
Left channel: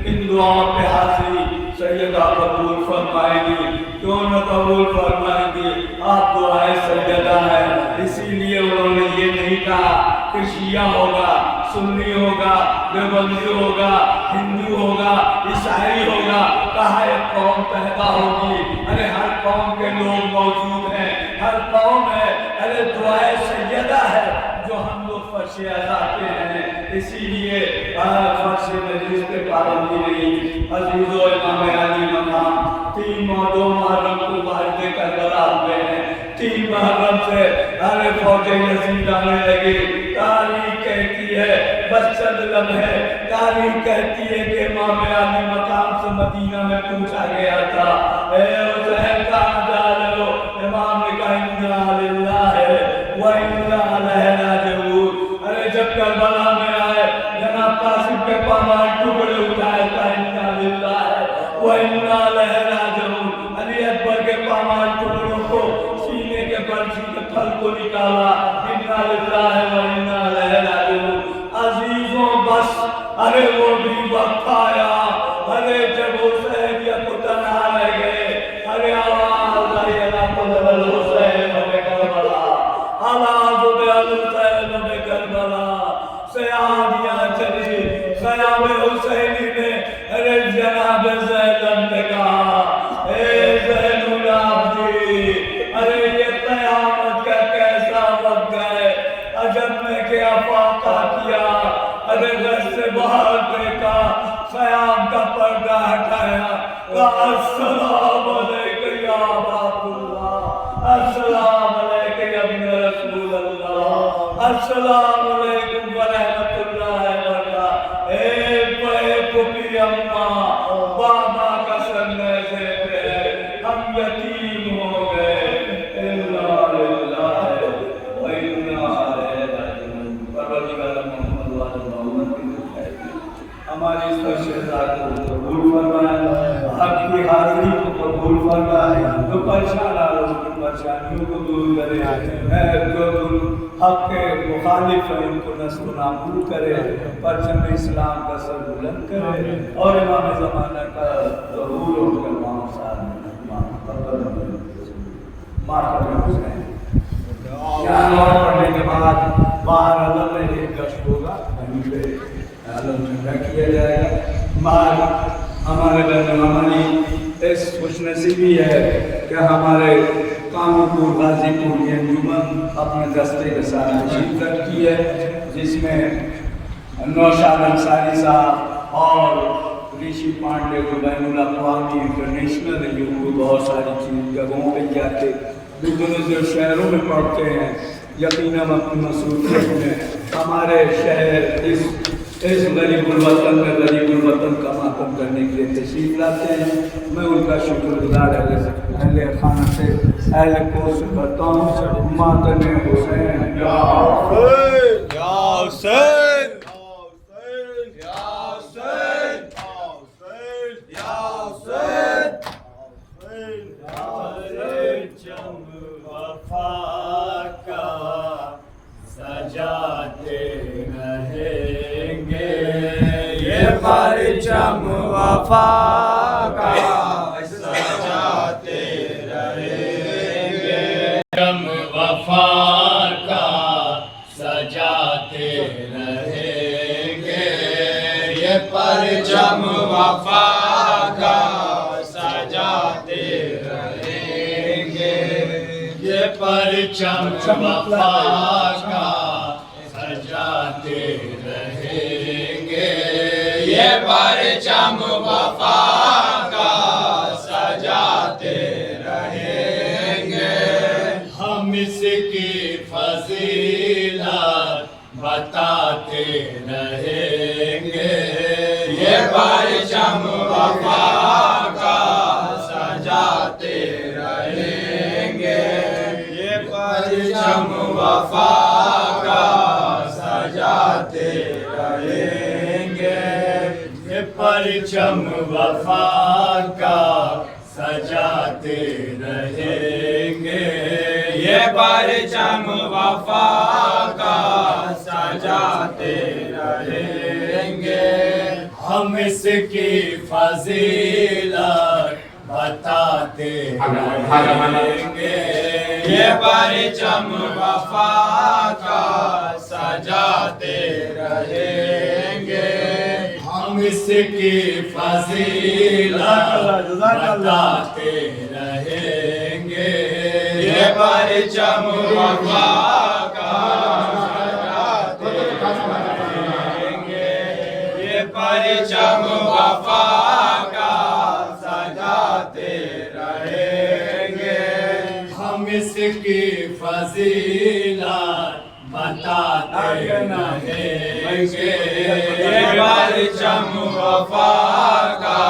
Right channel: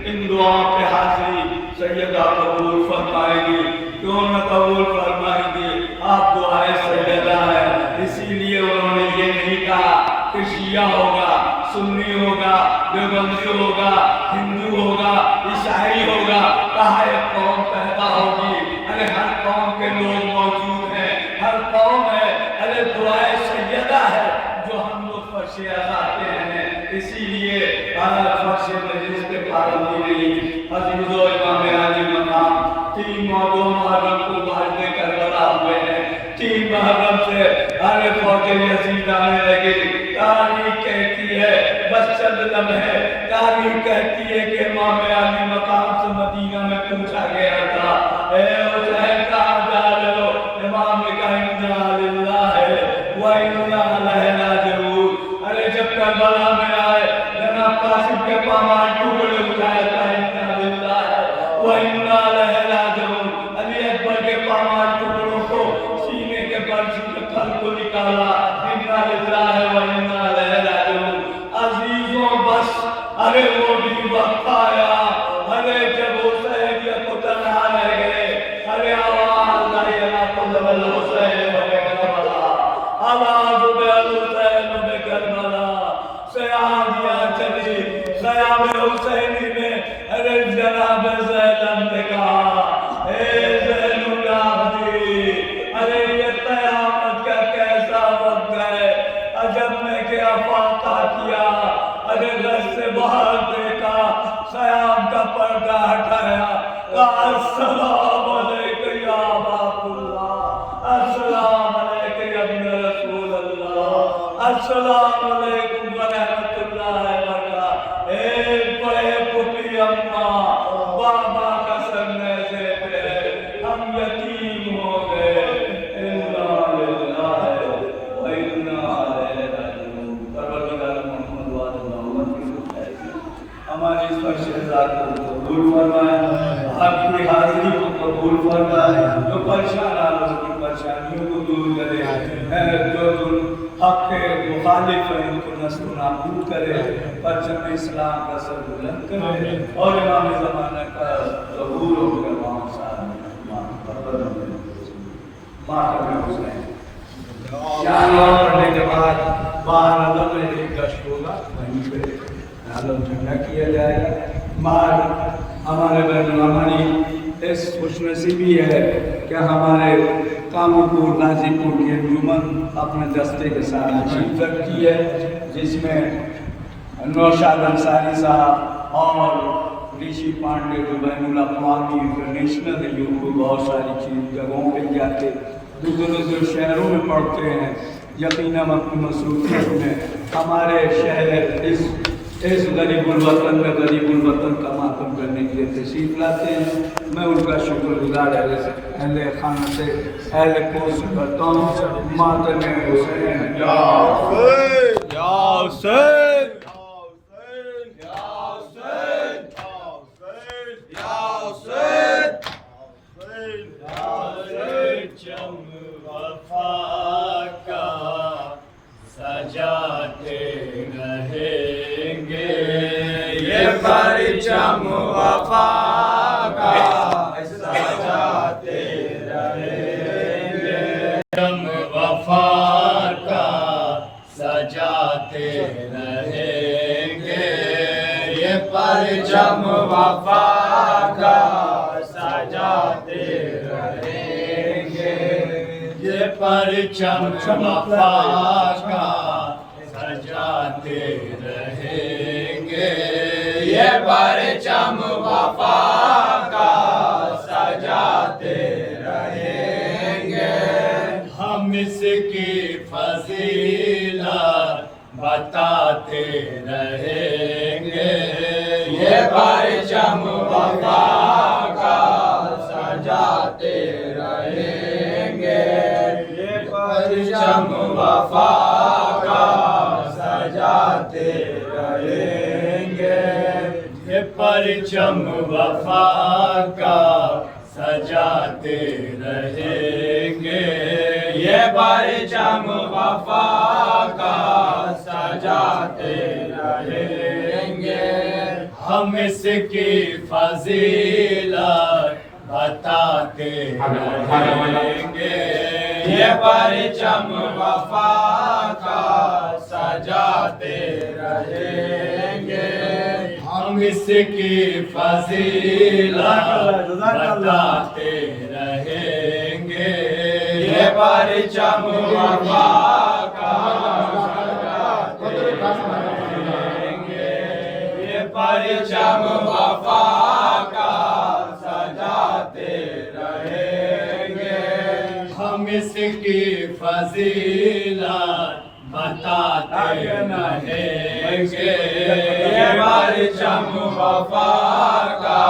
इन दुआओं पे हाजिरी सैयदा कबूल फरमाएगी, क्यों न कबूल फरमाएगी। आप दुआए सैयदा है, इसीलिए उन्होंने ये नहीं कहा कि शिया होगा, सुन्नी होगा, देवबंदी होगा, हिंदू होगा, ईसाई होगा। कहा एक कौम पैदा होगी, अरे हर कौम के लोग मौजूद हैं, हर कौम है। अरे दुआए सैयदा है जो हम लोग फर्श आते हैं, इसीलिए फर्श मजलिस पे पाबंदी नहीं। अजीजो इमाम अली मकाम 3 और 2 मुहर्रम को वालिद करबला हुए हैं। 3 मुहर्रम से अरे फौज यजीद आने लगी। तारीख कहती है बस चंद लम्हे, तारीख कहती है कि इमाम अली मकाम से मदीना में पूछा गया था, ए हुसैन कहाँ जा रहे हो? इमाम ने कहा इन्ना लिल्लाहि व इन्ना इलैहि राजिऊन। अरे जब करबला में आए जनाब कासिम के पामान टुकड़े उठाए था, इन्ना लिल्लाहि व इन्ना इलैहि राजिऊन। अली अकबर के पामान टुकड़ों को सीने के बर्छी के फल को निकाला, इन्ना लिल्लाहि व इन्ना इलैहि राजिऊन। अजीजों बस अरे वो भी वक्त आया, अरे जब हुसैन या को तन्हा रह गए, अरे आवाज आई अला कुल हुसैन व करबला, आवाज अल हुसैन व करबला। सयादियां चली ख़याम हुसैनी में, अरे जनाब ज़ैनब ने कहा ए ज़ैनुल आबिदीन, अरे ये क़यामत का कैसा वक्त है, अजब में क्या फाका किया। अरे घर से बाहर देखा, ख़याम का पर्दा हटाया, कहा अस्सलाम अलैकुम या अब्दुल्लाह, अस्सलाम अलैकुम या इब्न रसूल अल्लाह, अस्सलाम अलैकुम व रहमतुल्लाहि व बरकातहू। एक बड़े पुपी अम्मा बाबा का सन्ने से पे हम यतीम हो गए, इन्ना लिल्लाहि व इन्ना इलैहि राजिऊन। परवरदिगार मोहम्मद व आले मोहम्मद की हमारी इस बख्शिश को कबूल फरमाए, आपकी हाजिरी को कबूल फरमाए, जो परेशान आ रहे उनकी परेशानियों को दूर करे, जो हक के मुखालिफ है उनको नस्ल नाबूद करे, परचम इस्लाम का सर बुलंद करे और इमाम ज़माना का ज़हूर होकर वहाँ साथ यहाँ पढ़ने के बाद बाहर अदब में एक गश्त होगा, वहीं पे आलोचना किया जाएगा। माल हमारे बहन हमारी इस खुशनसीबी है कि हमारे कानपुर गाजीपुर की अंजुमन अपने दस्ते के साथ अचीव करती है, जिसमें नौशाद अंसारी साहब और ऋषि पांडे जो बैनुल अक़वामी इंटरनेशनल है, उनको बहुत सारी चीज़ जगहों पर जाके दूसरे शहरों में पढ़ते हैं। यकीनन अपनी मसरूफियत में हमारे शहर इस गरीबुल वतन में गरीबुल वतन का मातम करने के लिए तशरीफ लाते हैं। मैं उनका शुक्रगुजार अहले खाना से अहले कोर्स करता हूँ। मातम हुसैन या हुसैन या हुसैन या हुसैन या हुसैन या हुसैन। चम वफा का सजाते रहेंगे, ये परचम वफा का सजाते रहेंगे, चम वफा का सजाते रहेंगे, ये परचम वफा का सजाते रहेंगे, ये परचम वफा का सजाते रहेंगे, ये परचम वफा का सजाते रहेंगे। हम इसकी फजीलत बताते रहेंगे, ये परचम वफा का सजाते रहेंगे, ये परचम वफा का सजाते रहेंगे, ये परचम वफा का सजाते रहेंगे, ये परचम वफा का सजाते रहेंगे। हम इसकी फजीलत बताते रहेंगे, ये परचम वफा का सजाते रहेंगे। हम इसकी फजीलत बताते रहेंगे, ये परचम वफा का सजाते रहेंगे, ये परचम वफा का सजाते रहेंगे। हम इसकी फजीलत बताते रहेंगे। ये परचम वफा का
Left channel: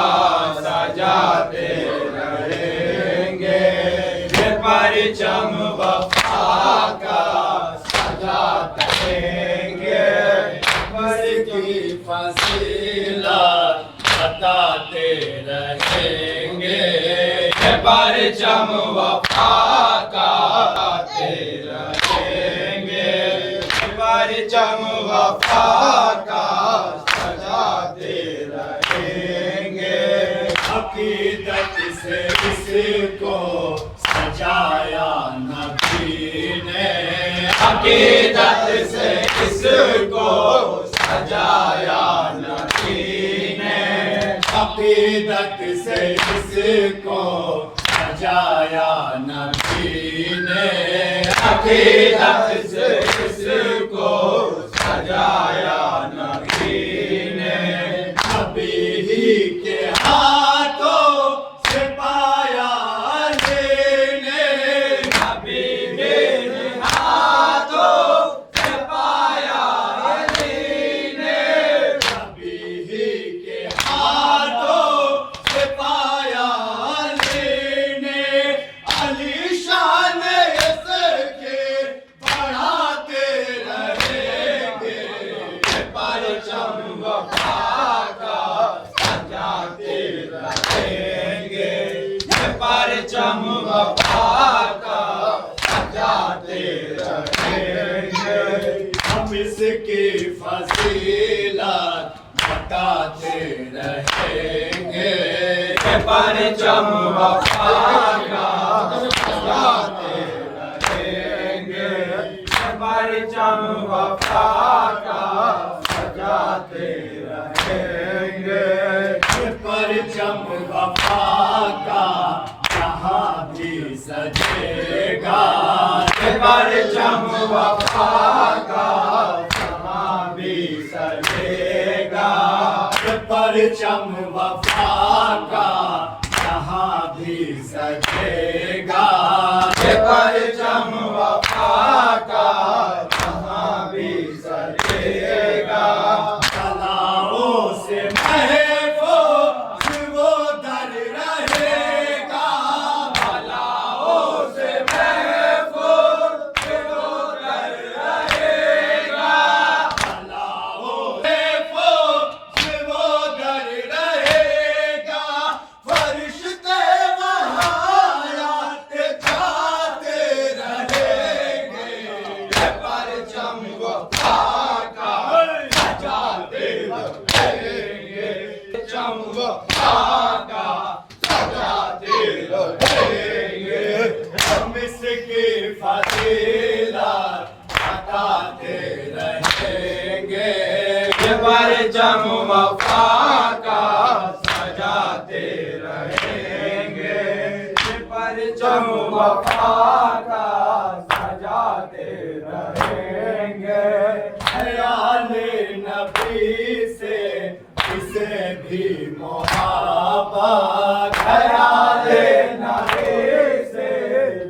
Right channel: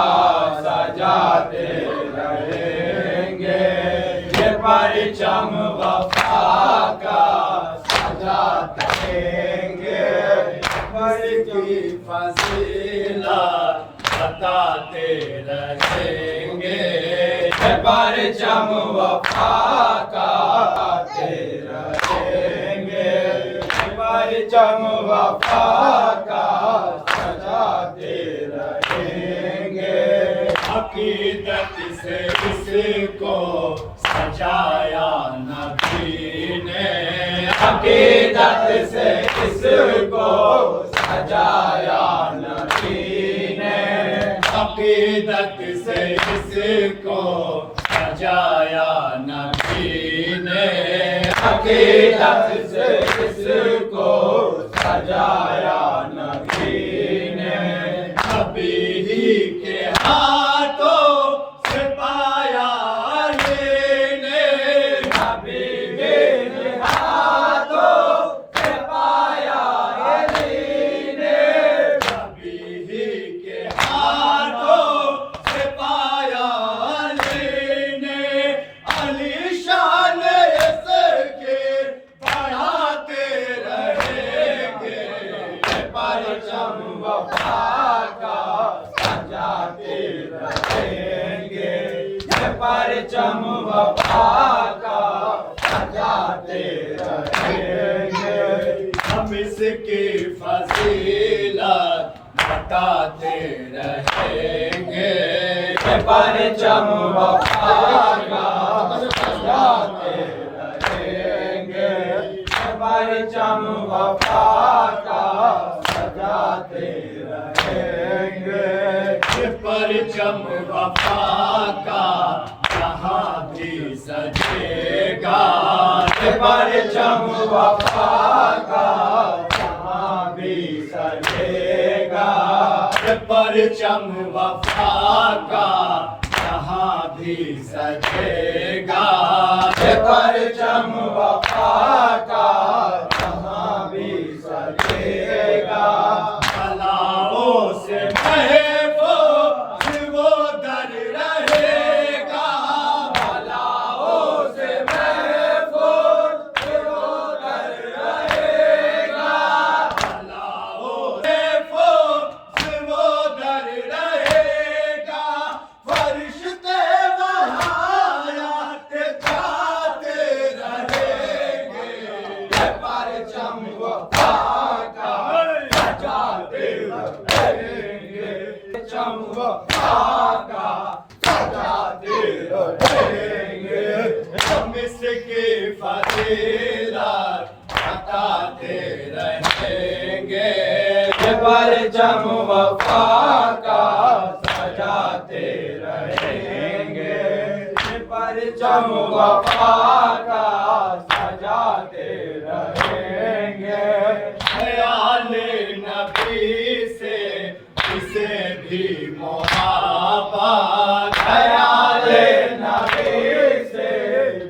सजाते रहेंगे। ये परचम वफा का सजाते रहेंगे। इसकी फजीलत बताते रहेंगे। ये परचम वफा का परचम वफा का सजाते रहेंगे। अकीदत से इसको सजाया नबी ने। अकीदत से इसको सजाया नबी ने। अकीदत से इसको सजाया नबी ने। अकीदत से इसको सजाया नबी ने। नबी ही के हाथों से पाया लेने। नबी के हाथों से पाया लेने। नबी ही के हाथों से पाया लेने। अलीशान इसके बढ़ाते रहेंगे। परचम वफा का सजाते रहेंगे। परचम वफा का सजाते रहेंगे। हम इसकी फजीलत बताते रहेंगे। परचम वफा का सजाते रहेंगे। परचम वफा का सजाते रहेंगे। परचम वफा का जहाँ भी सजेगा। परचम वफा का जहाँ भी सजेगा। परचम वफा का जहाँ भी सजेगा। परचम वफा का जहाँ भी सजेगा। बलाओं से महफूज वो दर रहेगा। बलाओं से महफूज वो दर रहेगा। बलाओं से महफूज वो दर रहेगा। फरिश्ते वहाँ आते जाते रहेंगे। परचम वफा का सजाते रहेंगे। परचम वफा का सजाते रहेंगे। हम इसकी फजीलत बताते रहेंगे। परचम वफा का सजाते रहेंगे। परचम वफा का सजाते रहेंगे। ख्याल नबी से किसे भी मोहब्बत। ख्याल नबी से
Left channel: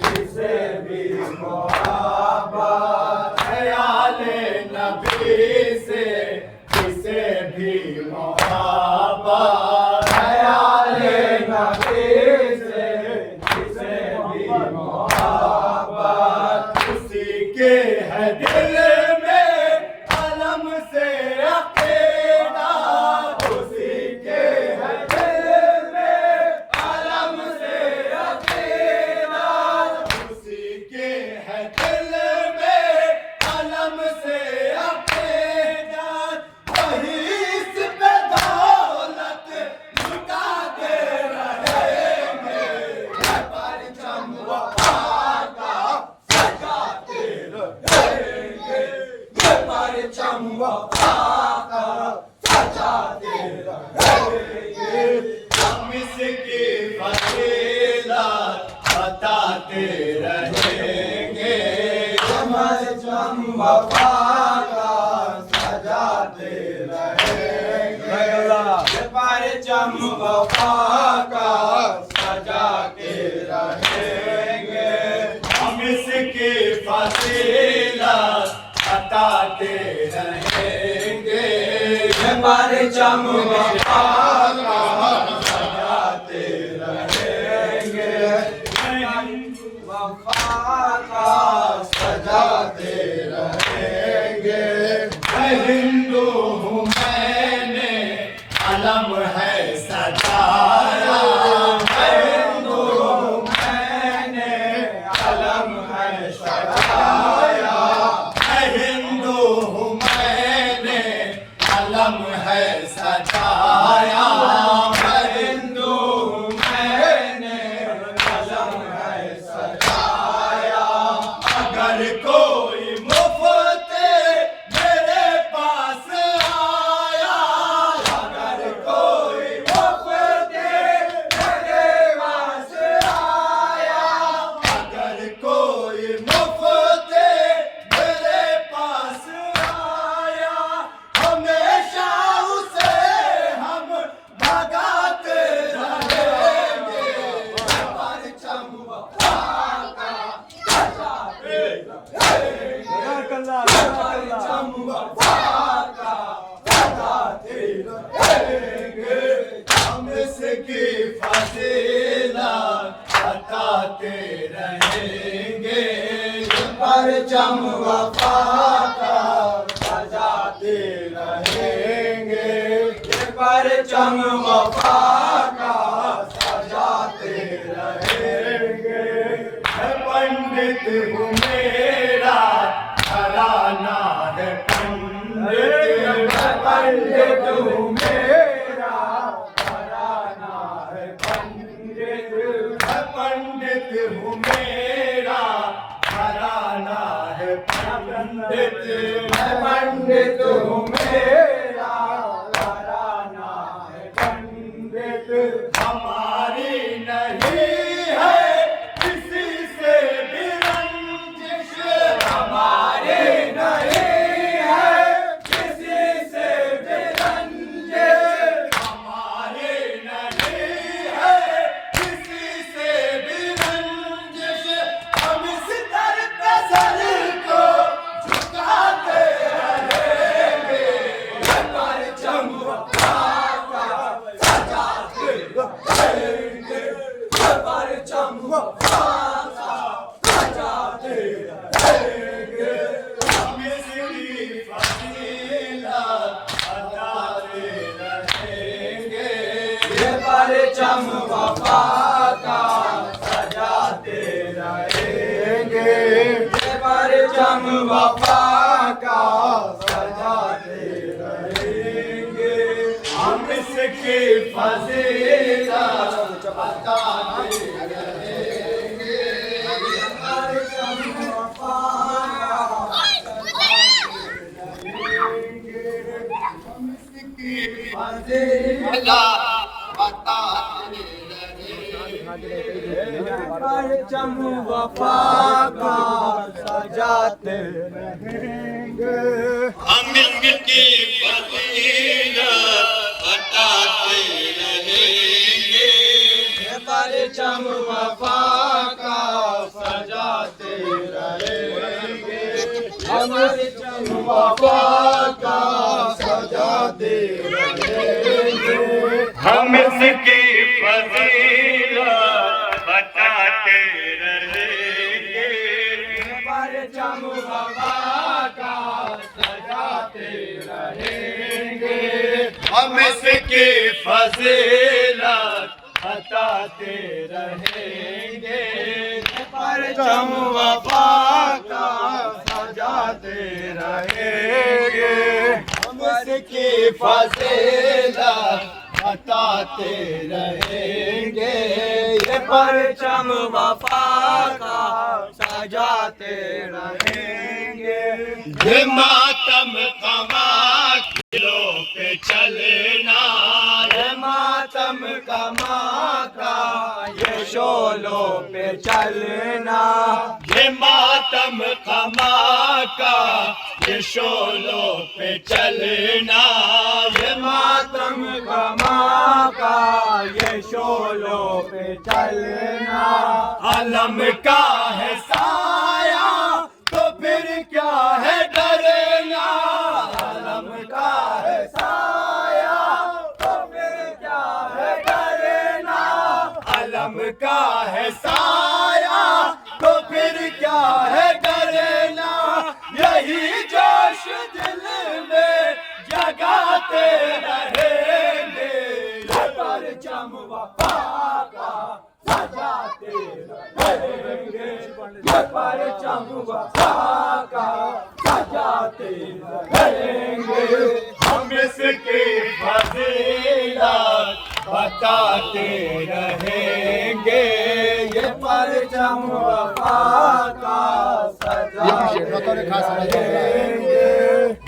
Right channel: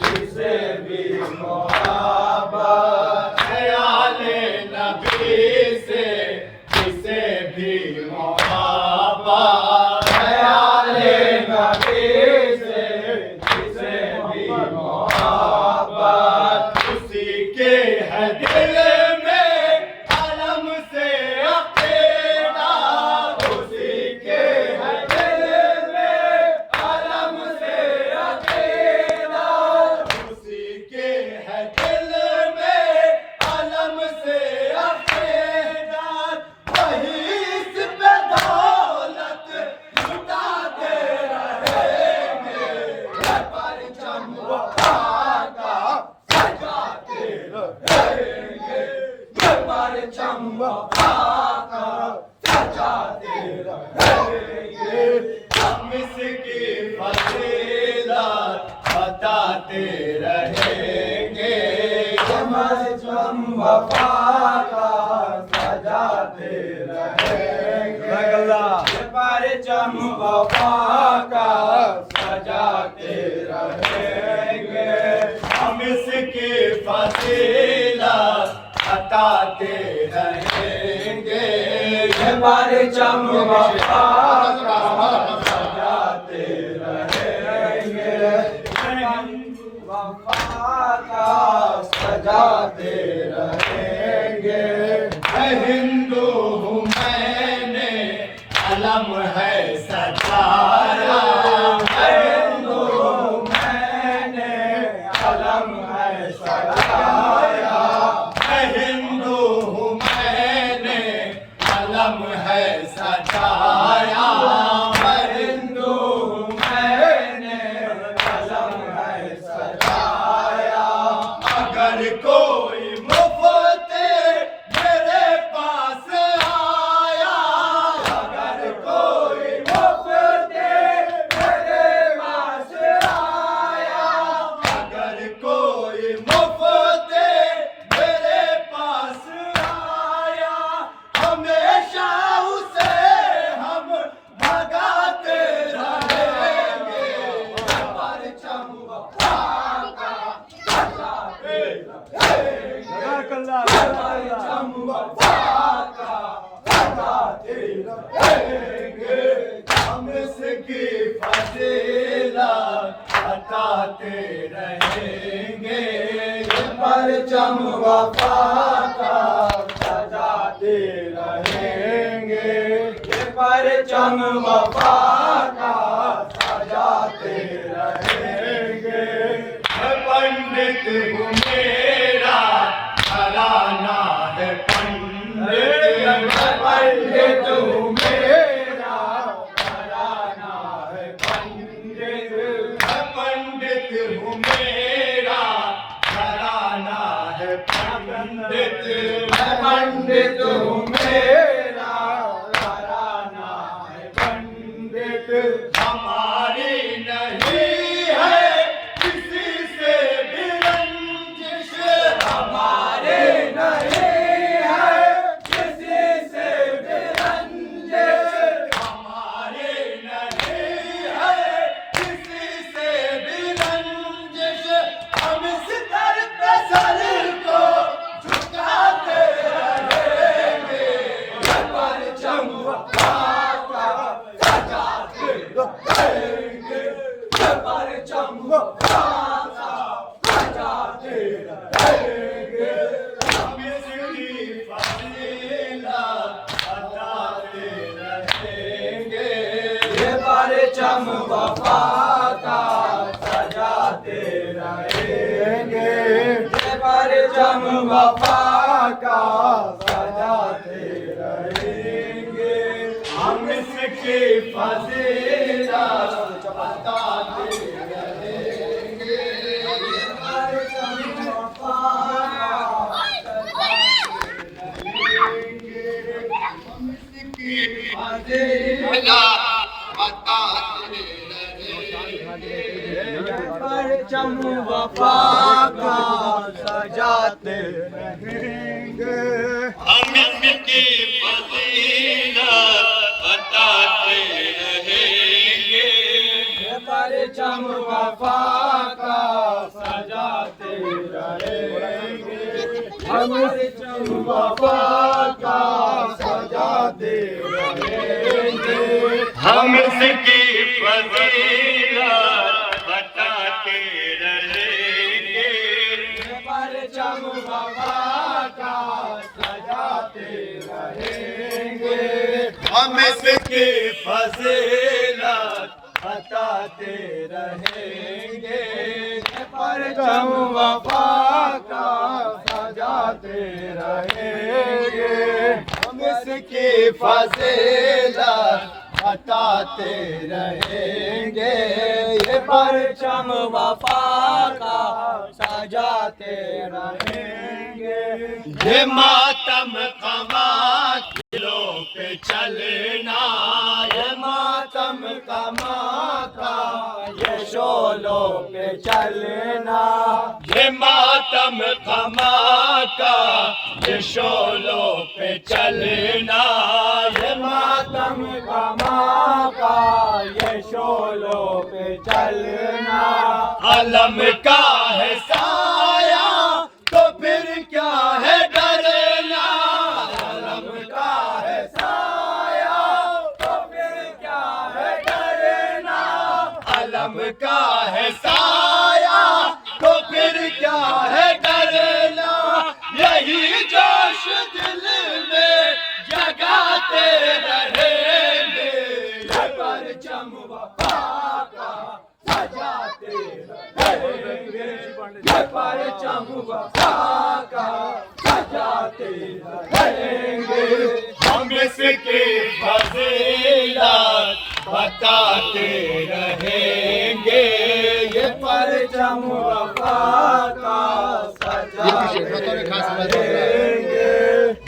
किसे भी मोहब्बत। ख्याल नबी से किसे भी मोहब्बत। ख्याल नबी से किसे भी मोहब्बत। उसी के है दिल में अलम से अक़ीदा। उसी के है दिल में अलम से अक़ीदा। उसी के है दिल में अलम से अक़ीदा। वही इस पे दौलत लुटाते रहेंगे। परचम वफा का सजाते रहेंगे। परचम वफा का सजाते रहेंगे। हम इसकी फजीलत बताते रहेंगे। परचम वफा का सजाते रहेंगे। परचम वफा का सजाते रहेंगे। हम बताते रहेंगे ये परचम वफा का सजाते रहेंगे वफा का सजाते रहेंगे मैं हिंदू हूँ मैंने अलम है सजाया मैं हिंदू हूँ मैंने अलम है सजाया मैं हिंदू हूँ मैंने अलम है सजाया मैं हिंदू हूँ मैंने अलम है सजाया अगर कोई मुफ्त मेरे पास आया अगर कोई मुफ्त मेरे पास आया अगर कोई मुफ्त मेरे पास आया हमेशा उसे हम भगाते रहेंगे परचम वफा का सजाते परचम वफा का सजाते रहेंगे हम इसकी फजीलत बताते रहेंगे ये परचम वफा का सजाते रहेंगे ये परचम वफा का सजाते रहेंगे मैं पंडित हूँ मेरा घराना है पंडित मैं पंडित हूँ मेरा घराना है पंडित मैं पंडित हूँ मेरा घराना है पंडित मैं पंडित हूँ मेरा घराना है पंडित हमारी नहीं है किसी से भी रंजिश हमारे नहीं है किसी से भी रंजिश हमारे नहीं है किसी से भी रंजिश हम इस दर पे सर को झुकाते रहेंगे ये परचम वफा का सजाते रहेंगे ये परचम वफा का सजाते रहेंगे हम इसकी फजीलत बताते रहेंगे ये परचम वफा का सजाते रहेंगे ये परचम वफा का सजाते रहेंगे हम इसकी फजीलत बताते रहेंगे ये परचम वफा का सजाते रहेंगे हम इसकी फजीलत बताते रहेंगे परचम वफा का सजाते रहेंगे हम इसकी फजीलत बताते रहेंगे ये परचम वफा का सजाते रहेंगे हम परचम वफा का सजाते रहेंगे हम इसकी फजीलत बताते रहेंगे परचम वफा का सजाते रहेंगे हम इसकी फजीलत बताते रहेंगे परचम वफा का सजाते रहेंगे हम इसकी फजीलत बताते रहेंगे ये परचम वफा का सजाते रहेंगे ये मातम कमा किलो पे चलना ये मातम कमा का ये शोलों पे चलना ये मातम कमा का ये शोलों पे चलना ये मातम कमा का ये शोलों पे चलना अलम का है साया तो फिर क्या है डरे मातम का है साया, तो फिर क्या है डरना, यही जोश दिल में जगाते रहेंगे, ये परचम वफा का सजाते रहेंगे, ये परचम वफा का सजाते रहेंगे। हम इसकी फजीलत बताते रहेंगे, ये परचम वफा का सजाते रहेंगे।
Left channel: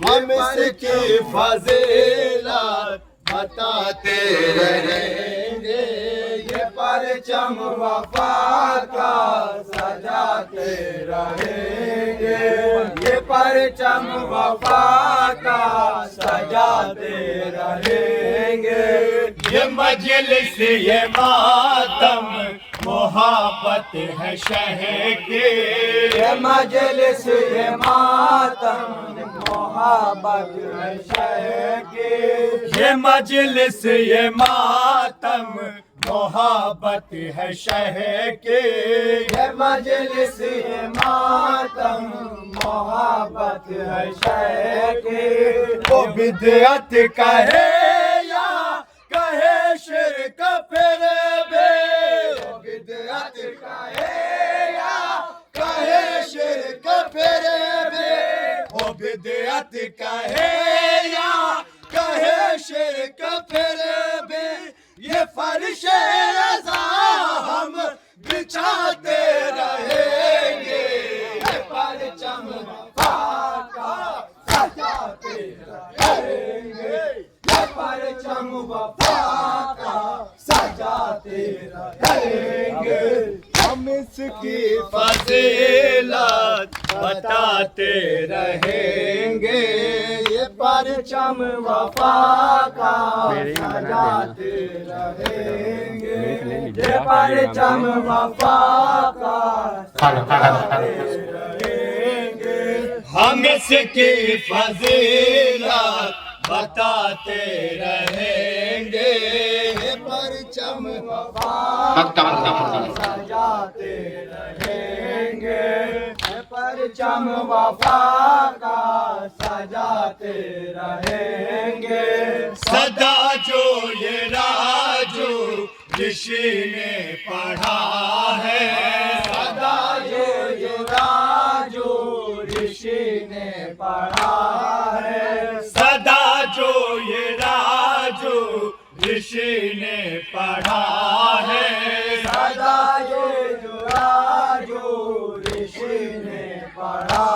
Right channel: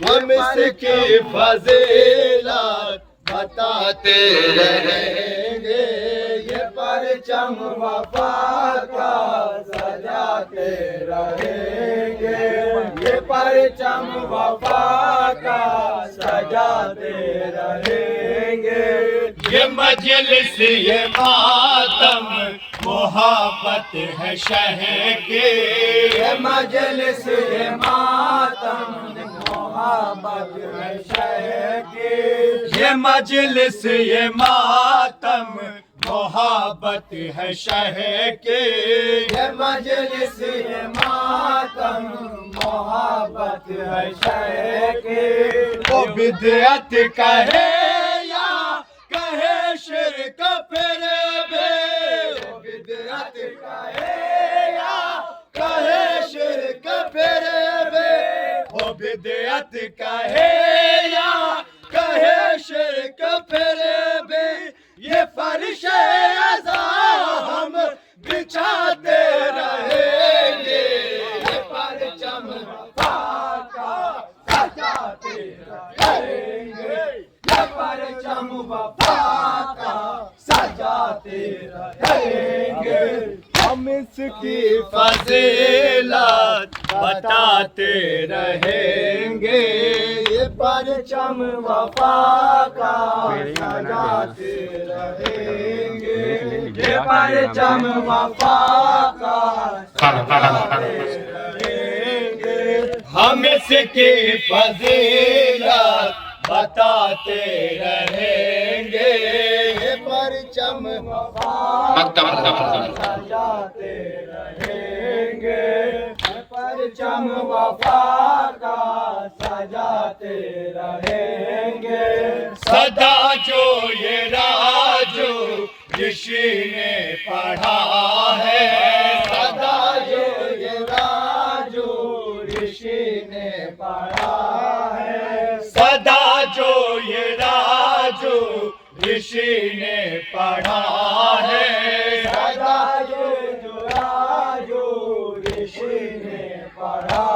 हम इसकी फजीलत बताते रहेंगे, ये परचम वफा का सजाते रहेंगे, ये परचम वफा का सजाते रहेंगे। ये मजलिस ये मातम मोहब्बत है शह के, ये मजलिस ये मातम मोहब्बत है शह के, ये मजलिस ये मातम मोहब्बत है शह के, ये मजलिस ये मातम मोहब्बत है शह के। वो बिदअत कहे या कहे शिरक फिर बे, वो बिदअत कहे या कहे शिरक फिर बे, वो बिदअत कहे या कहे शिरक फिर बे, ये फर्श अज़ा हम बिछाते रहेंगे, ये परचम वफा का सजाते रहेंगे, ये परचम वफा का सजाते रहेंगे। हम इसकी फजीलत बताते रहेंगे, ये परचम वफा का सजाते रहेंगे, ये परचम वफा का सजाते रहेंगे। हम इसकी फजीलत बताते रहेंगे, ये परचम वफा सजाते रहेंगे, ये परचम वफा का सजाते रहेंगे। सदा जो ये राजू ऋषि ने पढ़ा है, सदा जो ये राजू ऋषि ने पढ़ा है, सदा जो ये राजू ऋषि ने पढ़ा है, सदा जो राजू ऋषि ने पढ़ा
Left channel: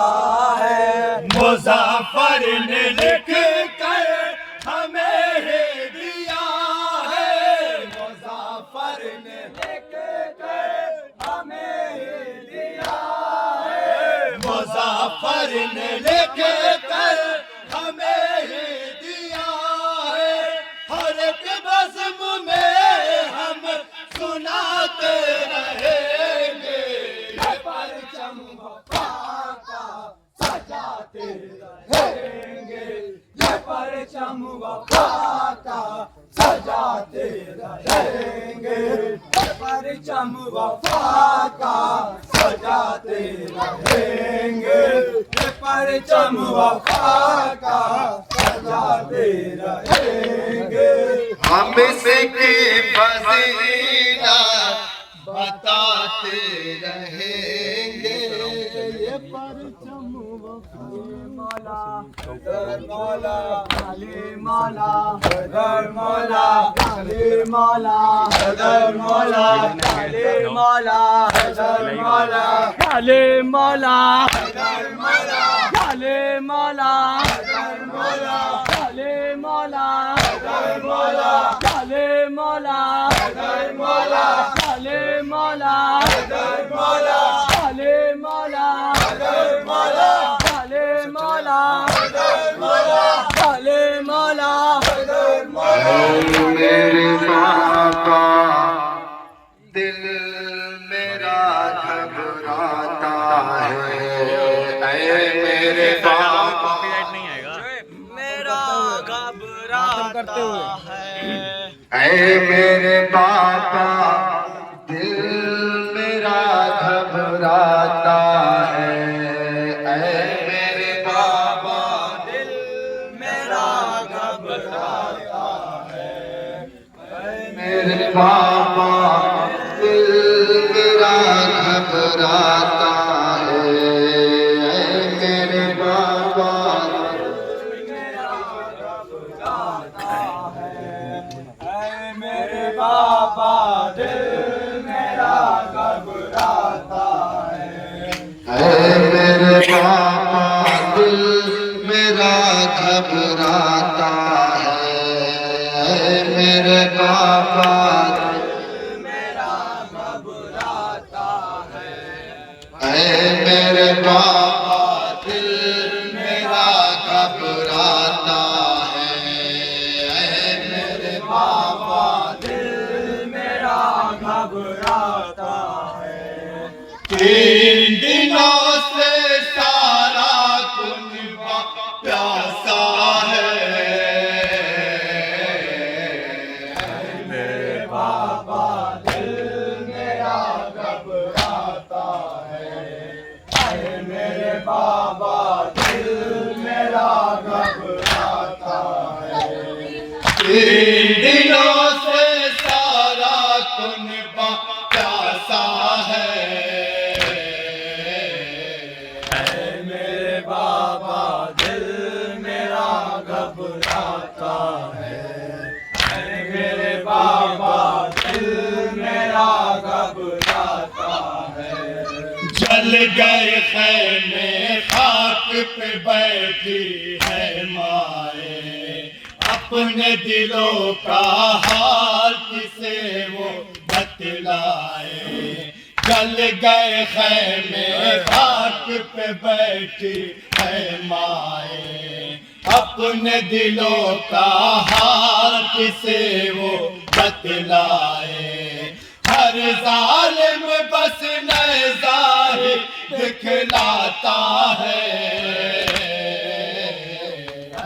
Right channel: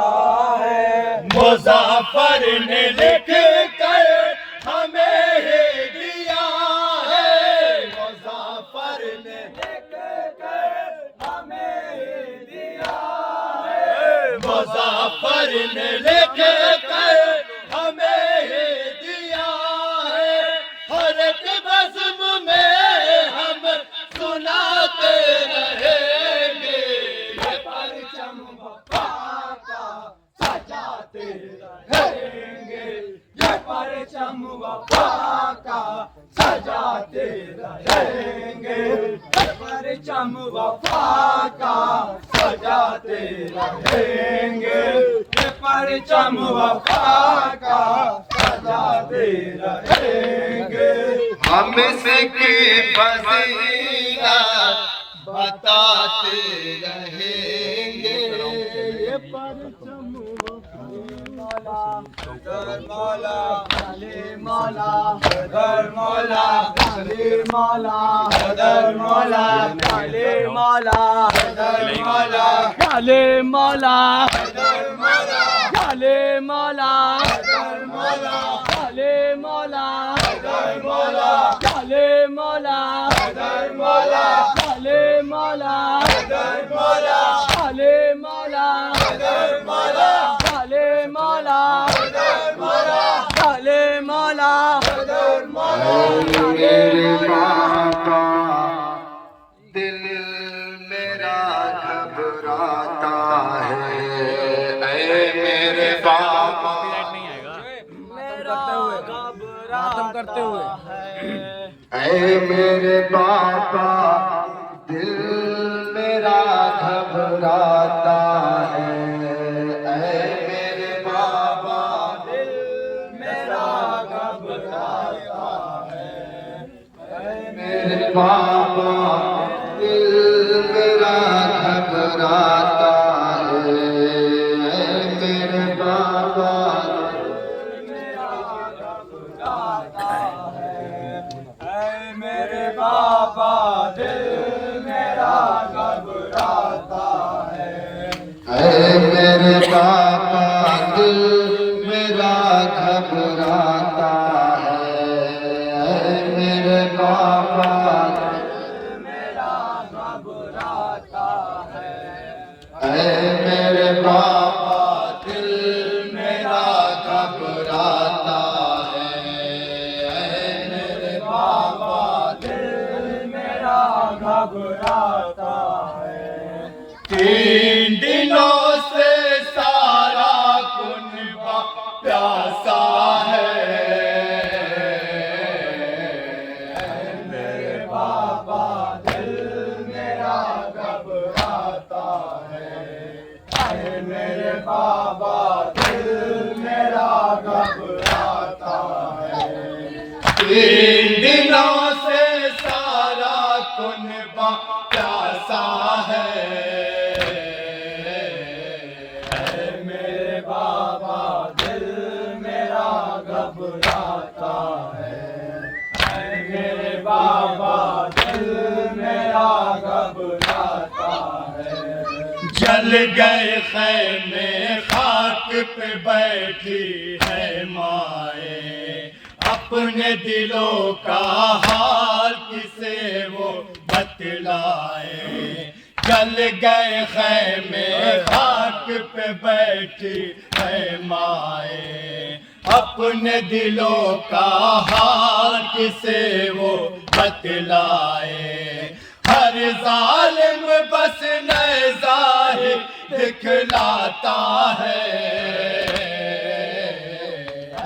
है। मुज़फ़्फ़र ने लिख कर हमें ही दिया है, मुज़फ़्फ़र ने लिख कर हमें ही दिया है, मुज़फ़्फ़र ने लिख कर हमें ही दिया है। हर एक बज़्म में हम सुनाते रहेंगे, ये परचम वफा का सजाते रहेंगे, ये परचम वफा का सजाते रहेंगे, ये परचम वफा का सजाते रहेंगे, ये परचम वफा का सजाते रहेंगे। हम इसकी फजीलत बताते रहेंगे, ये परचम मौला मौला अली मौला दर मौला अली मौला दर मौला अली मौला दर मौला अली मौला दर मौला अली मौला दर मौला अली मौला दर मौला अली मौला दर मौला अली मौला दर मौला अली मौला दर मौला अली मौला दर मौला अली मौला दर मौला। मेरे बाबा दिल मेरा घबराता है, मेरे बाबा कॉपीराइट नहीं आएगा। मेरा घबराता है, ऐ मेरे बाबा दिल घबराता है। ऐ मेरे बाबा दिल मेरा घबराता है। मेरे बाबा दिल मेरा घबराता है। ऐ मेरे बाबा ऐ मेरे बाबा दिल मेरा घबराता है। ऐ मेरे बाबा दिल मेरा घबराता है। ऐ मेरे बाबा ऐ मेरे बाबा दिल मेरा घबराता है। ऐ मेरे बाबा दिल मेरा घबराता है। 3 दिनों से सारा कुनबा प्यासा है। मेरे बाबा दिल मेरा घबराता है। ऐ मेरे बाबा दिल मेरा घबराता है। 3 दिनों से सारा कुनबा प्यासा है। ऐ मेरे बाबा दिल मेरा घबराता है। ऐ मेरे बाबा दिल मेरा घबराता है। जल गए खैमे खाक पे बैठी है माए। अपने दिलों का हाल किसे वो बतलाए। जल गए खैमे खाक पे बैठी है माए। अपने दिलों का हाल किसे वो बतलाए। हर जालिम बस नज़ा ही दिखलाता है।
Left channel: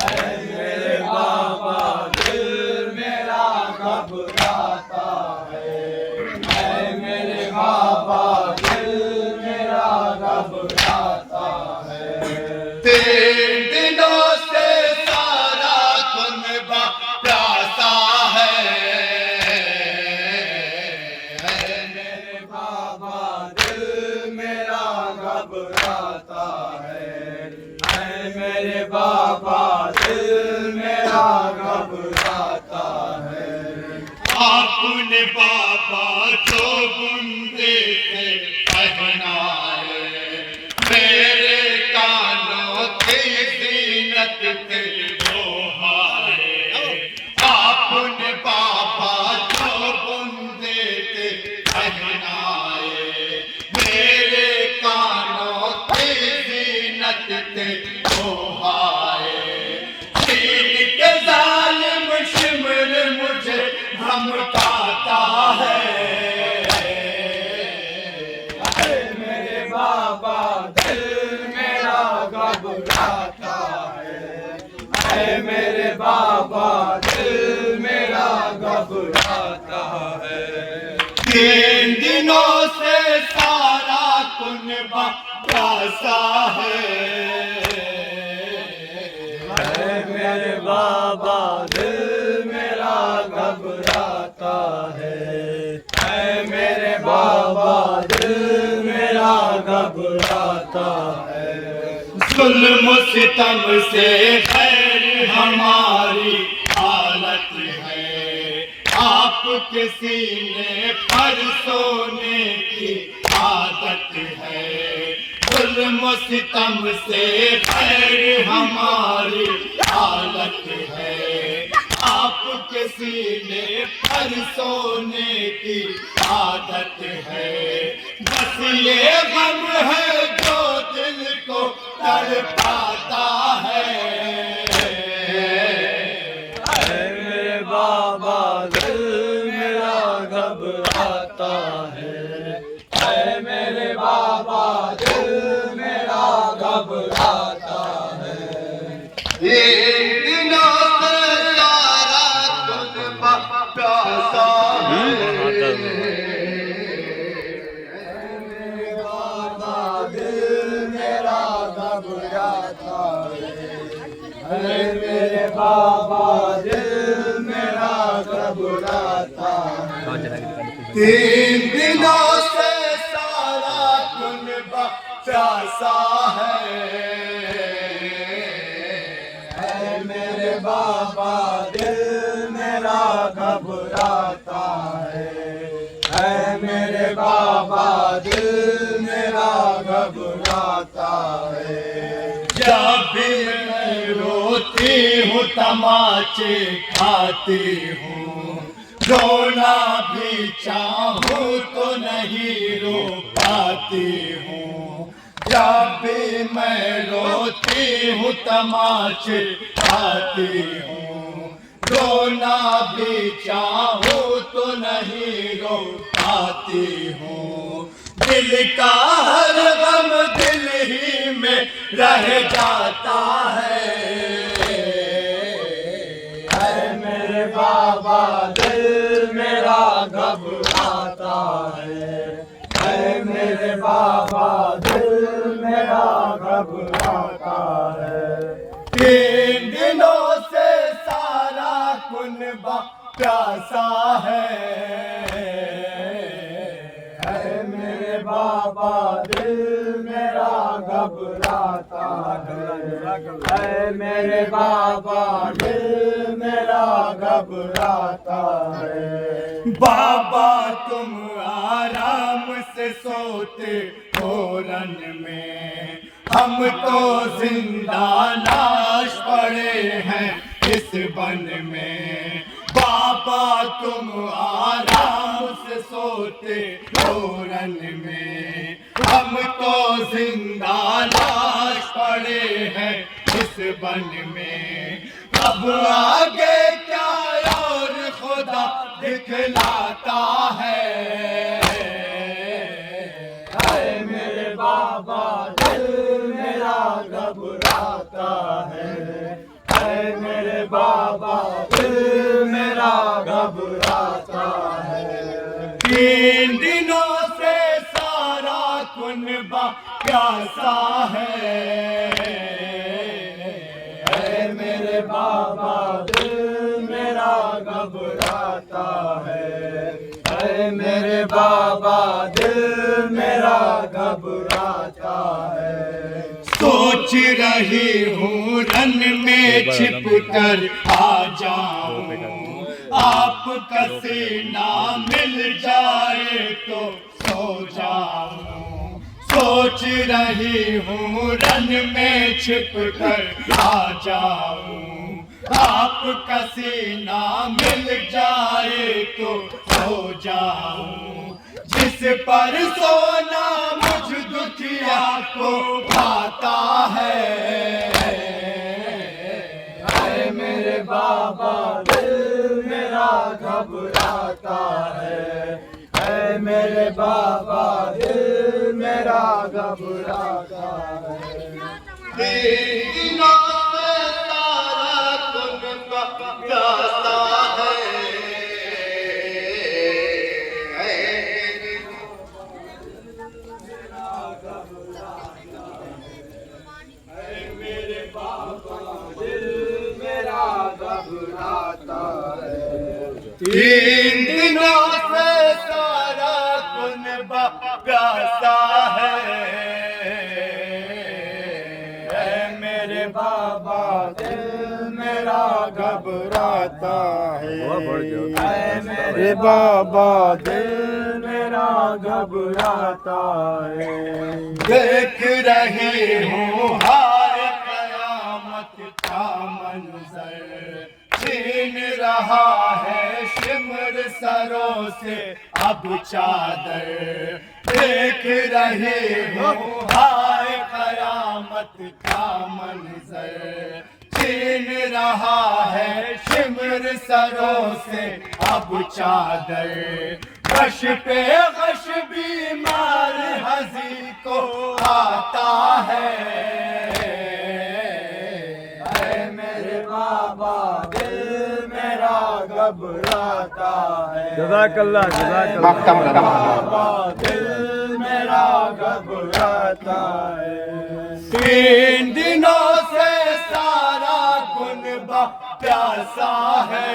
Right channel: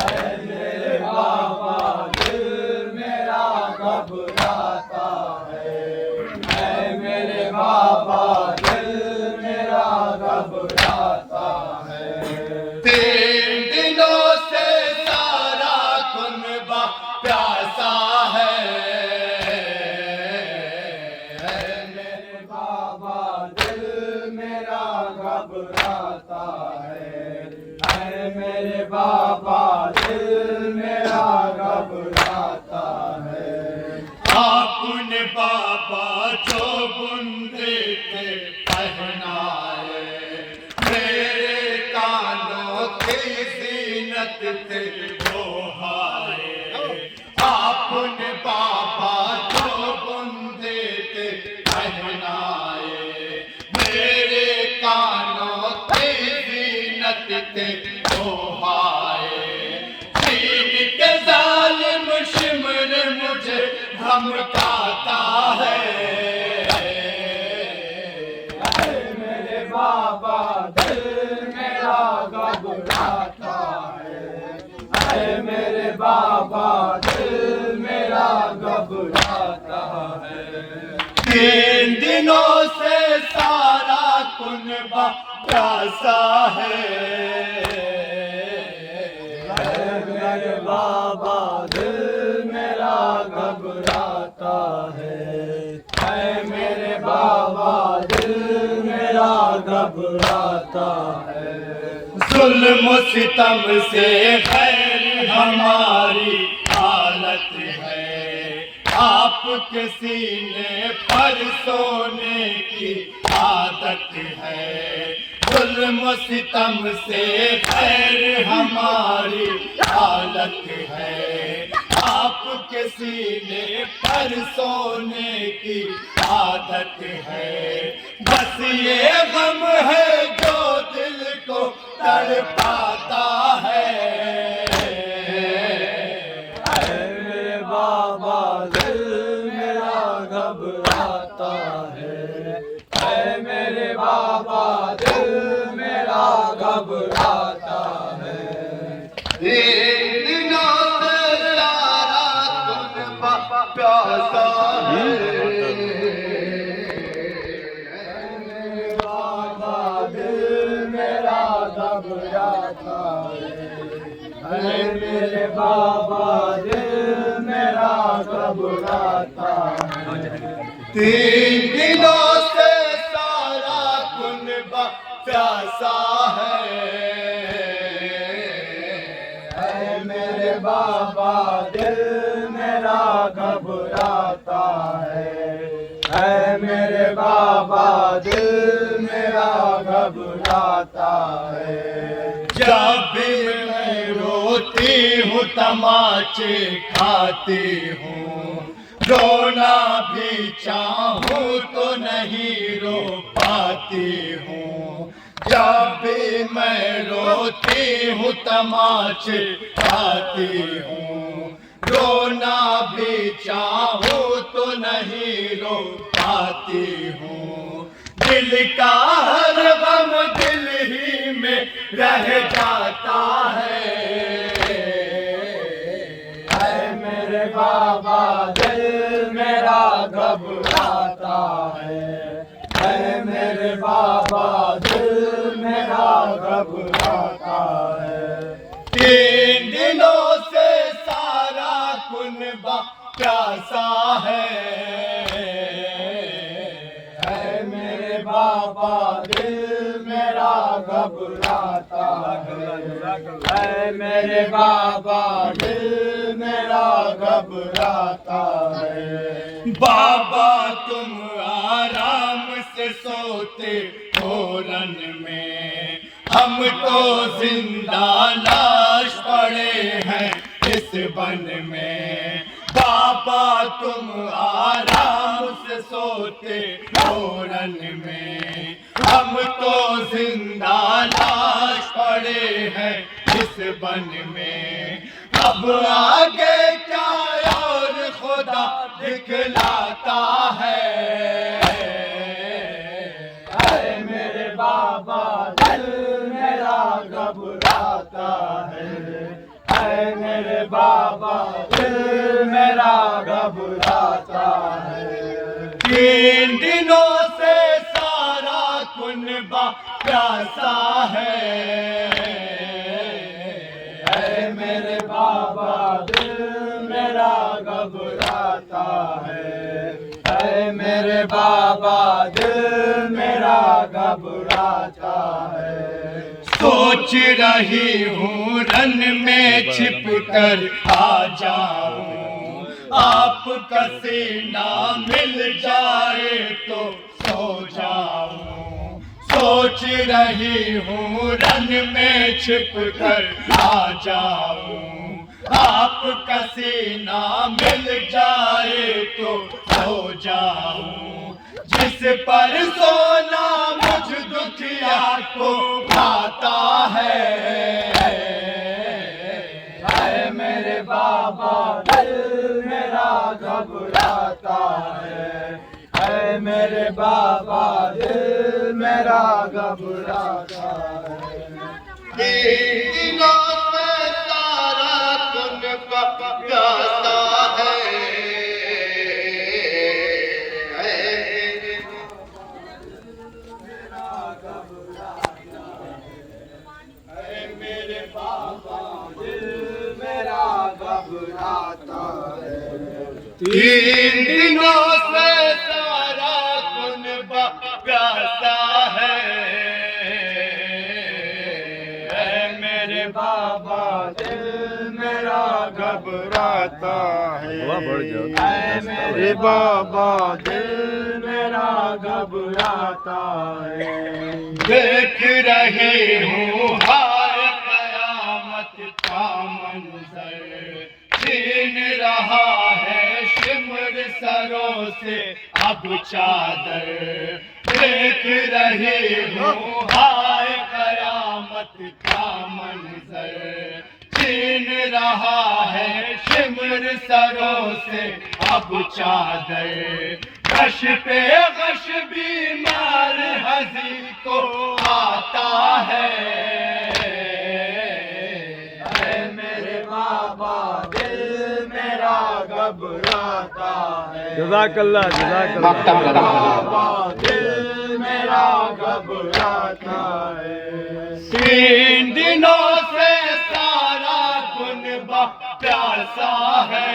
ऐ मेरे बाबा दिल मेरा घबराता है। ऐ मेरे बाबा दिल मेरा घबराता है। 3 दिनों से सारा कुनबा प्यासा है। मेरे बाबा दिल मेरा घबराता है। ऐ मेरे बाबा दिल मेरा घबराता है। आपन बाबा जो बुंदे थे पहनाए। मेरे कानों की जीनत थे वो हाय। आपन बाबा जो बुंदे थे पहनाए। मेरे कानों की जीनत थे वो हाय। चीन के जालिम शिमर मुझे धमकाता है। ऐ मेरे बाबा दिल मेरा घबराता है। ऐ मेरे बाबा दिल मेरा घबराता है। 3 दिनों से सारा कुनबा प्यासा है। ऐ मेरे बाबा दिल मेरा घबराता है। ऐ मेरे बाबा दिल मेरा घबराता है। जुल्म सितम से खैर हमारी हालत है। आपके सीने पर सोने की आदत है। जुल्म सितम से खैर हमारी हालत है। आपके सीने पर सोने की आदत है। बस ये गम है जो दिल को तड़पाता है। ऐ मेरे बाबा दिल मेरा घबराता है। ऐ मेरे बाबा दिल मेरा घबराता है। 3 दिनों से सारा कुनबा प्यासा है। है मेरे बाबा दिल मेरा घबराता है। 3 दिनों से सारा कुनबा प्यासा है मेरे बाबा दिल मेरा घबराता है मेरे बाबा दिल मेरा घबराता है। जब भी मैं रोती हूँ तमाचे खाती हूँ, रोना भी चाहूँ तो नहीं रो पाती हूँ। जब भी मैं रोती हूँ तमाचे खाती हूँ, रोना भी चाहूँ तो नहीं रो पाती हूँ। दिल का हर गम दिल ही में रह जाता है मेरे बाबा दिल मेरा घबराता है मेरे बाबा दिल मेरा घबराता है। 3 दिनों से सारा कुनबा प्यासा है मेरे बाबा दिल मेरा घबराता है मेरे बाबा दिल मेरा घबराता है। बाबा तुम आराम से सोते हो रन में, हम तो जिंदा लाश पड़े हैं इस बन में। बाबा तुम आराम से सोते हो रन में, हम तो जिंदा लाश पड़े हैं इस बन में। अब आगे क्या और खुदा दिखलाता है मेरे बाबा दिल मेरा घबराता है मेरे बाबा दिल मेरा घबराता है। 3 दिनों से सारा कुनबा प्यासा है मेरे बाबा दिल मेरा घबराता है मेरे बाबा दिल मेरा घबराता है। सोच रही हूँ रन में छिप कर आ जाऊं, आपका सीना मिल जाए तो सो जाऊं। सोच रही हूँ रन में छिप कर आ जाऊं, आपका सीना मिल जाए तो सो जाऊं। जिस पर सोना मुझ दुखिया को भाता है मेरे बाबा दिल मेरा घबराता है मेरे बाबा दिल मेरा घबराता है। 3 दिनों में सारा कुनबा प्यासा है मेरे बाबा दिल मेरा घबराता है। 3 दिनों से सारा कुनबा प्यासा है मेरे बाबा दिल मेरा घबराता है मेरे बाबा दिल मेरा घबराता है। देख रही हूँ हाय कयामत का मंजर, छीन रहा है शिमर सरों से अब चादर। देख रही हूँ हाय कयामत का मंजर, छीन रहा है शिमर सरों से अब चादर। गश पे गश बीमार हज़ी को आता है मेरे बाबा दिल मेरा घबराता है। जज़ाकल्लाह जज़ाकल्लाह। बाबा दिल मेरा घबराता है। 3 दिनों से सारा प्यासा है।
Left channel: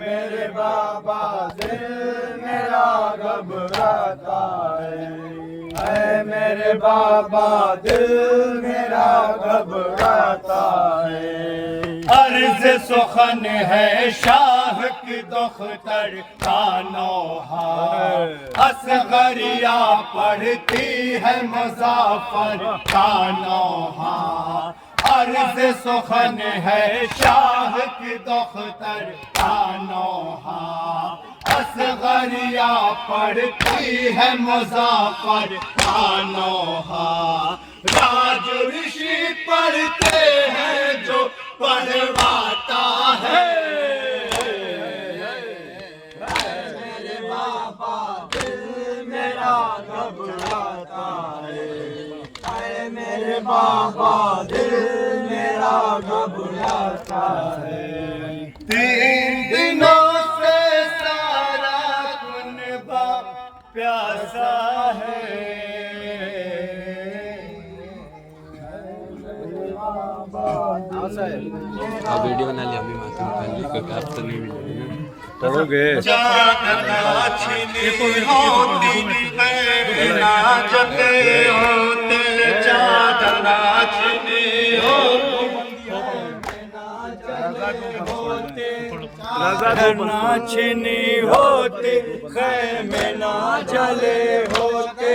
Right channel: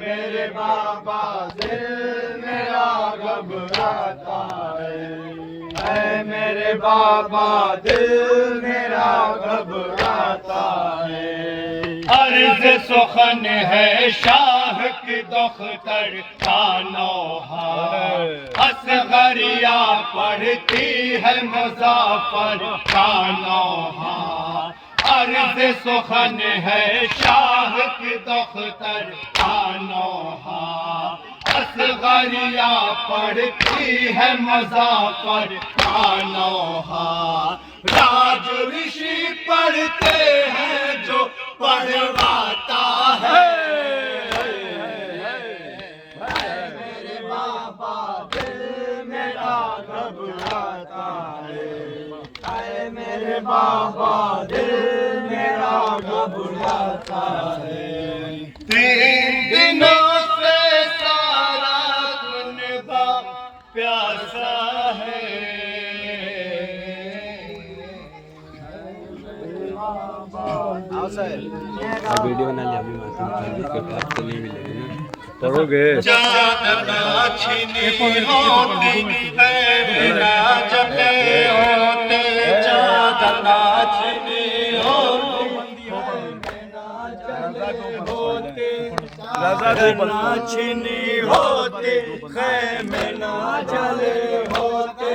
मेरे बाबा दिल मेरा घबराता है। मेरे बाबा दिल मेरा घबराता है। अर्ज़ सुखन है शाह की दख्तर का नौहा। असगरिया पढ़ती है मुज़फ़्फ़र का नौहा। अर्ज़ सुखन है शाह की दख्तर का नौहा। असगरिया पढ़ती है मुज़फ़्फ़र का नौहा। राज ऋषि पढ़ते हैं जो पढ़वाता है। मेरे बाबा दिल मेरा घबराता है। मेरे बाबा दिल मेरा घबराता है। 3 दिनों से सारा कुनबा प्यासा है। वीडियो बना लिया अभी मात्र तो नहीं मिलेगी ना तो हो गए। चादरा छिनी होती है ना जले होते। चादरा छिनी होती ना छिनी होती। खैमे ना जले होते।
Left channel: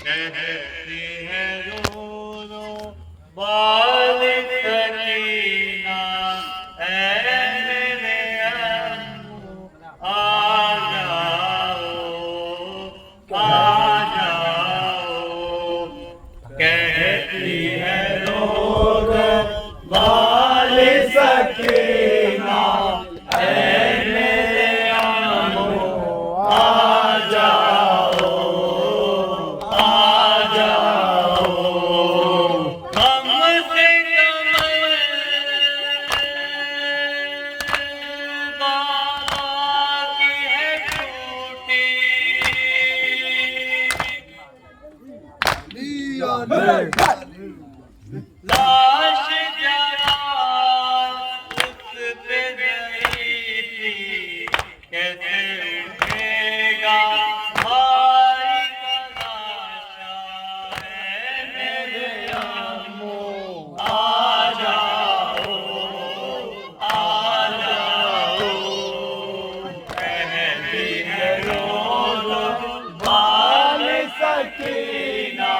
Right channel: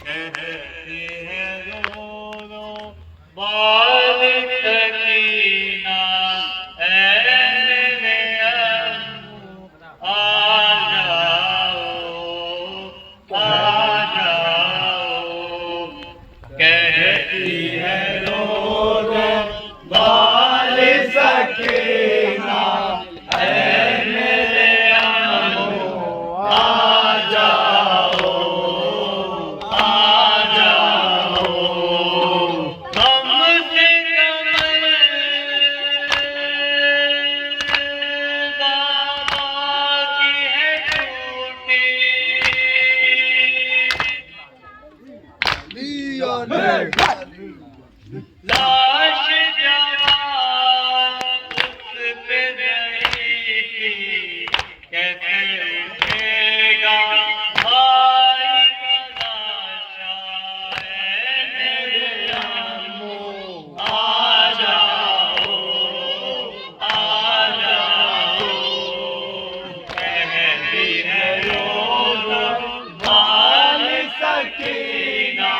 कहती है रो रो बाल सकीना ऐ मेरे अम्मू आ जाओ। कहती है रो रो बाल सकीना ऐ मेरे अम्मू आ जाओ। लाश जवान उस पे गई थी। कैसे उठेगा भाई का लाशा। मेरे अम्मू आ जाओ। कहती है रो बाल सकीना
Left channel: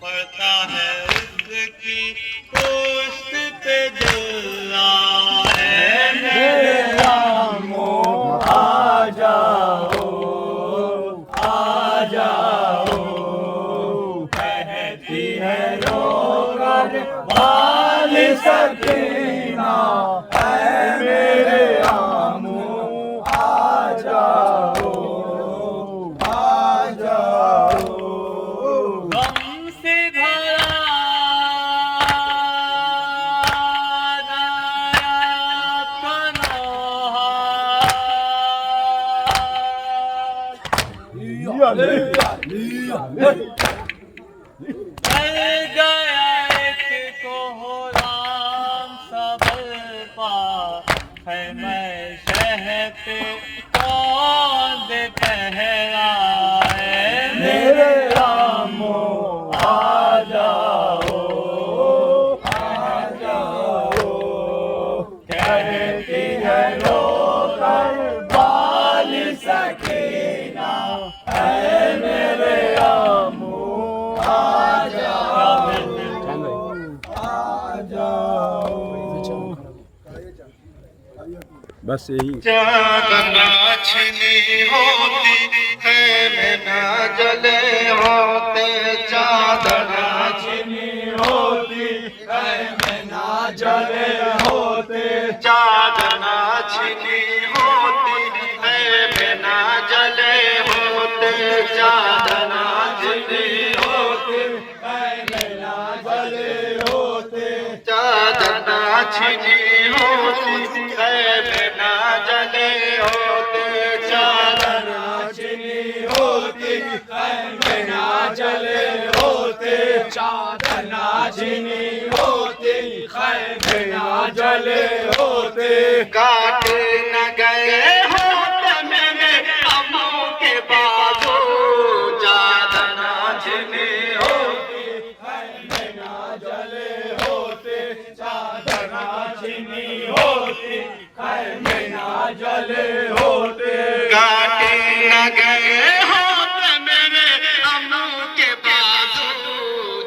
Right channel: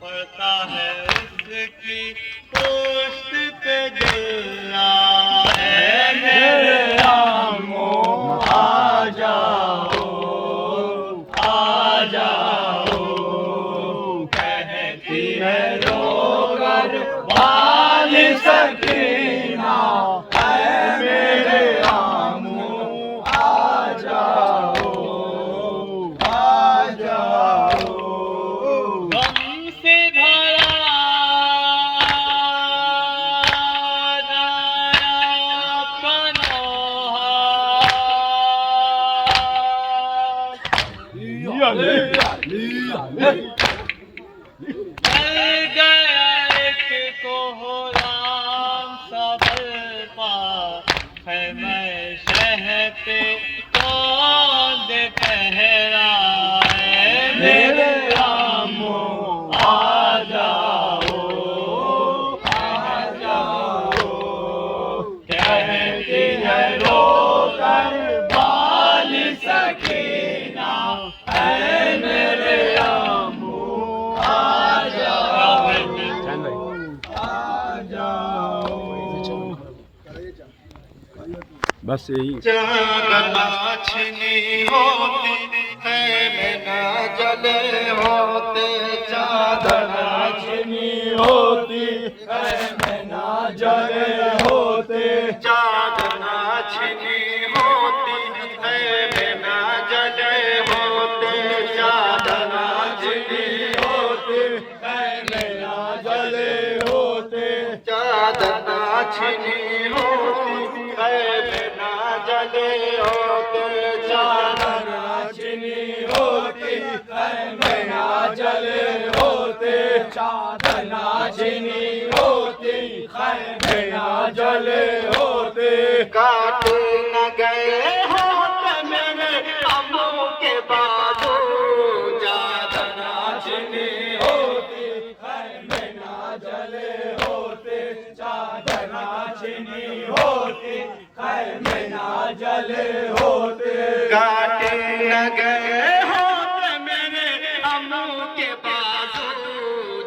पड़ता है उसकी पोस्ट पे जला है। मेरे अम्मू आ जाओ। कहती है रो कर बाल सकीना है। मेरे अम्मू आ जाओ। गम से भरा आपका नौहा। चल गया एक कोहराम सा बरपा है। मैं शहर पे कौन दे पहरा है। मेरे अम्मू आ जाओ। कहती है रो कर बाल सकीना है। मेरे अम्मू आ जाओ। बस यही चादरा छिनी होती है मैं ना जले होते। चादरा खैमे ना जले होते, चादर ना छिनी होती, खैमे ना जले होते, चादर ना छिनी होती, खैमे ना जले होते, चादर ना छिनी होती, खैमे ना जले होते, काटे न गए होते मेरे अम्मू के बाजू, चादर ना छिनी होती, खैमे ना जले होते, चादर ना छिनी होती, खैमे ना जले होते, काटे न गए होते मेरे अम्मू के बाजू,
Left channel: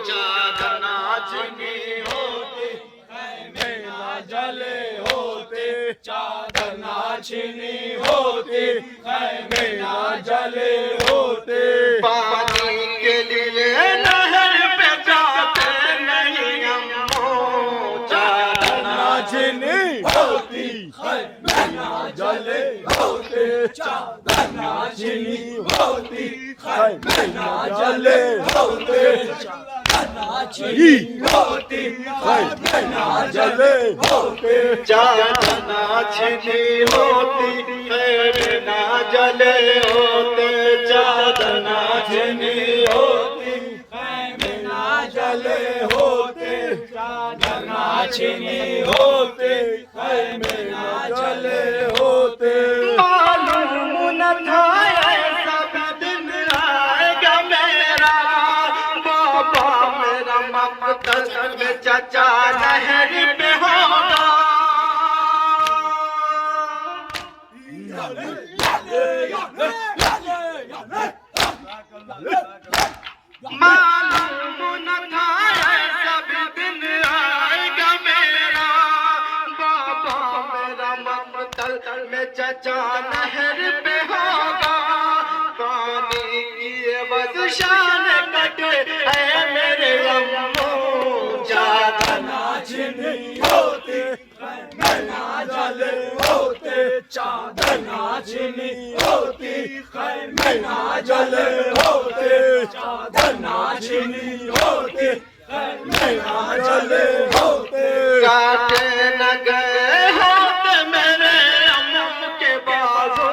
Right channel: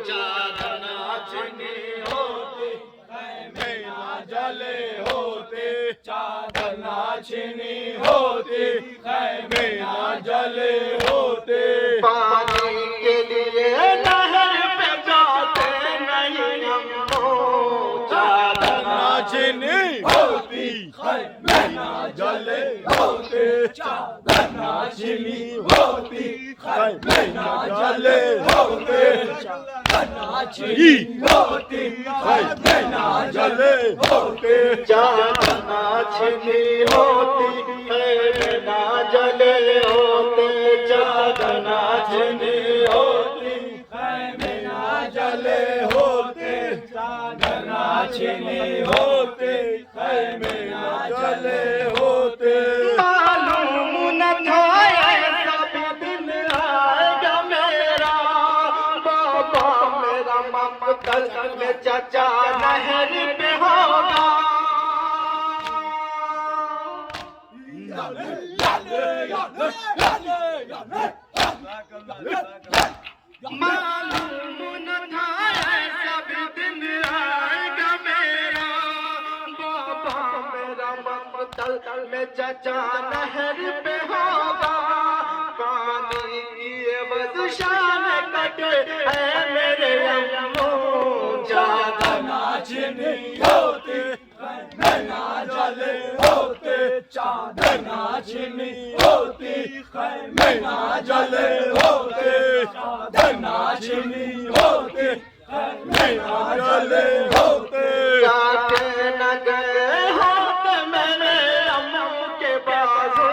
चादर ना छिनी होती, खैमे ना जले होते, चादर ना छिनी होती, खैमे ना जले होते, पानी के लिए नहर पे जाते नहीं अम्मू, चादर ना छिनी होती, खैमे ना जले होते, चादर ना छिनी होती, खैमे ना जले होते, चादर ना छिनी होती, खैमे ना जले होते, चादर ना छिनी होती, खैमे ना जले होते, चादर ना छिनी होती, खैमे ना जले होते, चादर ना छिनी होते, खैमे ना जले होते, मालूम न था ऐसा भी दिन आएगा मेरा, बाबा मेरा मकतल में चाचा नहर पे होगा, मालूम न था ऐसा भी दिन आएगा मेरा, बाबा मेरा मकतल में चाचा नहर पे होगा, पानी की एवज़ शान कटे है मेरे अम्मू, चादर ना छिनी होती, खैमे ना जले होते, चादर ना छिनी होती, खैमे ना जले होते, चादर ना छिनी होती, खैमे ना जले होते, काटे न गए होते मेरे अम्मू के बाजू,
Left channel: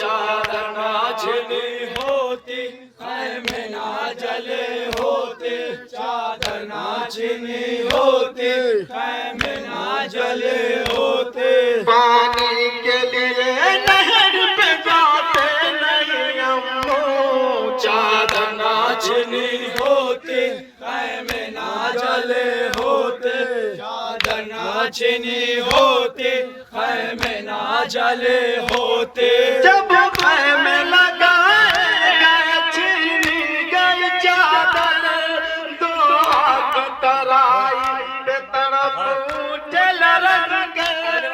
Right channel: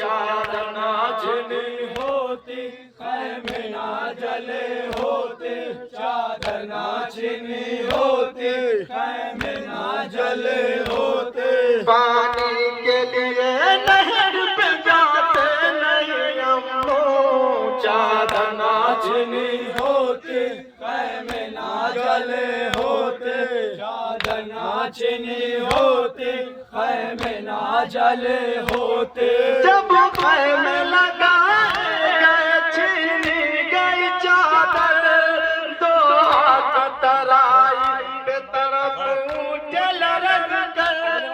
चादर ना छिनी होती, खैमे ना जले होते, चादर ना छिनी होती, खैमे ना जले होते, पानी के लिए नहर पे जाते नहीं अम्मू, चादर ना छिनी होती, खैमे ना जले होते, चादर ना छिनी होती, खैमे ना जले होते, जब खैमे लगाए गए छीनी गई चादर, दो हाथ तराई पे तरफ उठे लरक कर,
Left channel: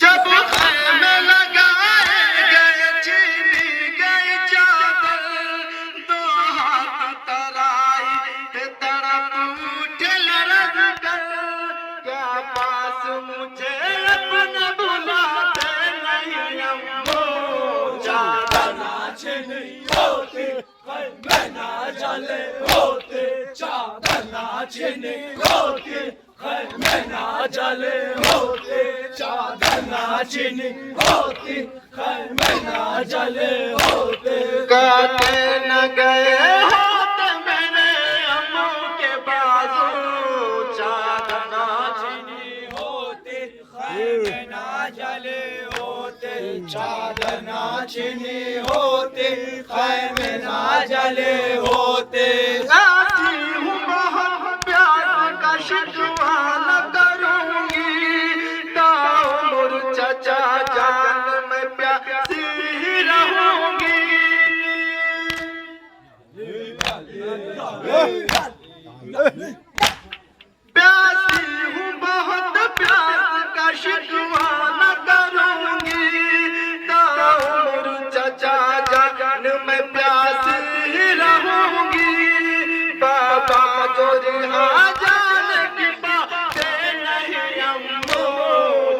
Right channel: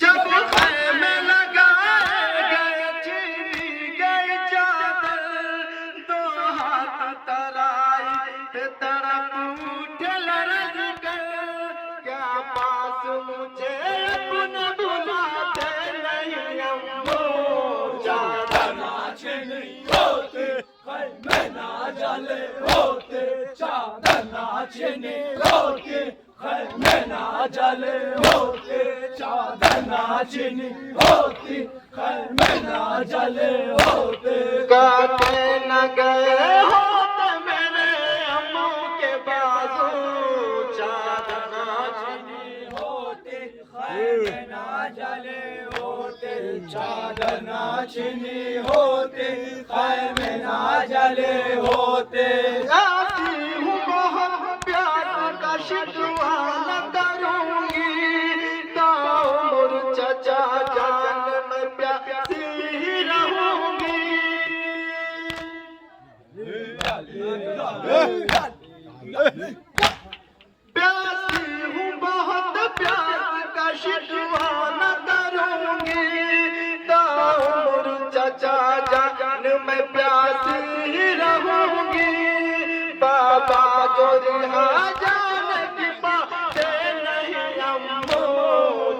जब खैमे लगाए गए छीनी गई चादर, दो हाथ तराई पे तरफ उठे लरक कर, क्या पास मुझे अपने बुलाते नहीं अम्मू, चादर ना छिनी होती, खैमे ना जले होते, चादर ना छिनी होती, खैमे ना जले होते, चादर ना छिनी होती, खैमे ना जले होते, काटे न गए होते मेरे अम्मू के बाजू, चादर ना छिनी होती, खैमे ना जले होते, चादर ना छिनी होती, खैमे ना जले होते, ऐसी हूँ बहुत प्यार का शिकवा न करूंगी, दाऊद चाचा जान मैं प्यासी ही रहूंगी, प्यासी हूँ बहुत प्यार का शिकवा न करूंगी, दाऊद चाचा जान मैं प्यासी ही रहूंगी, बाबा जो रिहा जान की बातें नहीं अम्मू,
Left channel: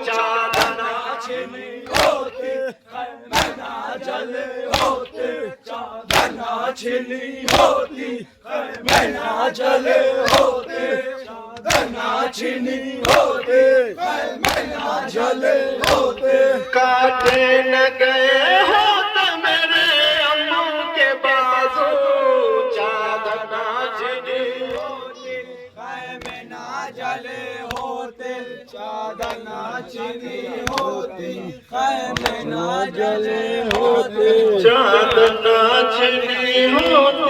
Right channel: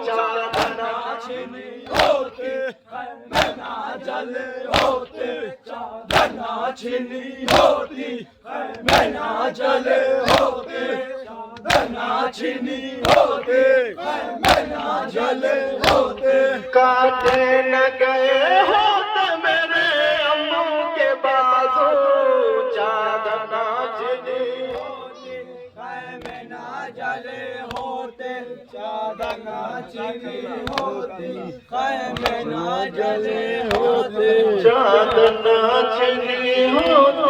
चादर ना छिनी होती, खैमे ना जले होते, चादर ना छिनी होती, खैमे ना जले होते, चादर ना छिनी होती, खैमे ना जले होते। काटे न गए होते मेरे अम्मू के बाजू, चादर ना छिनी होती, खैमे ना जले होते, चादर ना छिनी होती, खैमे ना जले होते, चादर ना छिनी होती।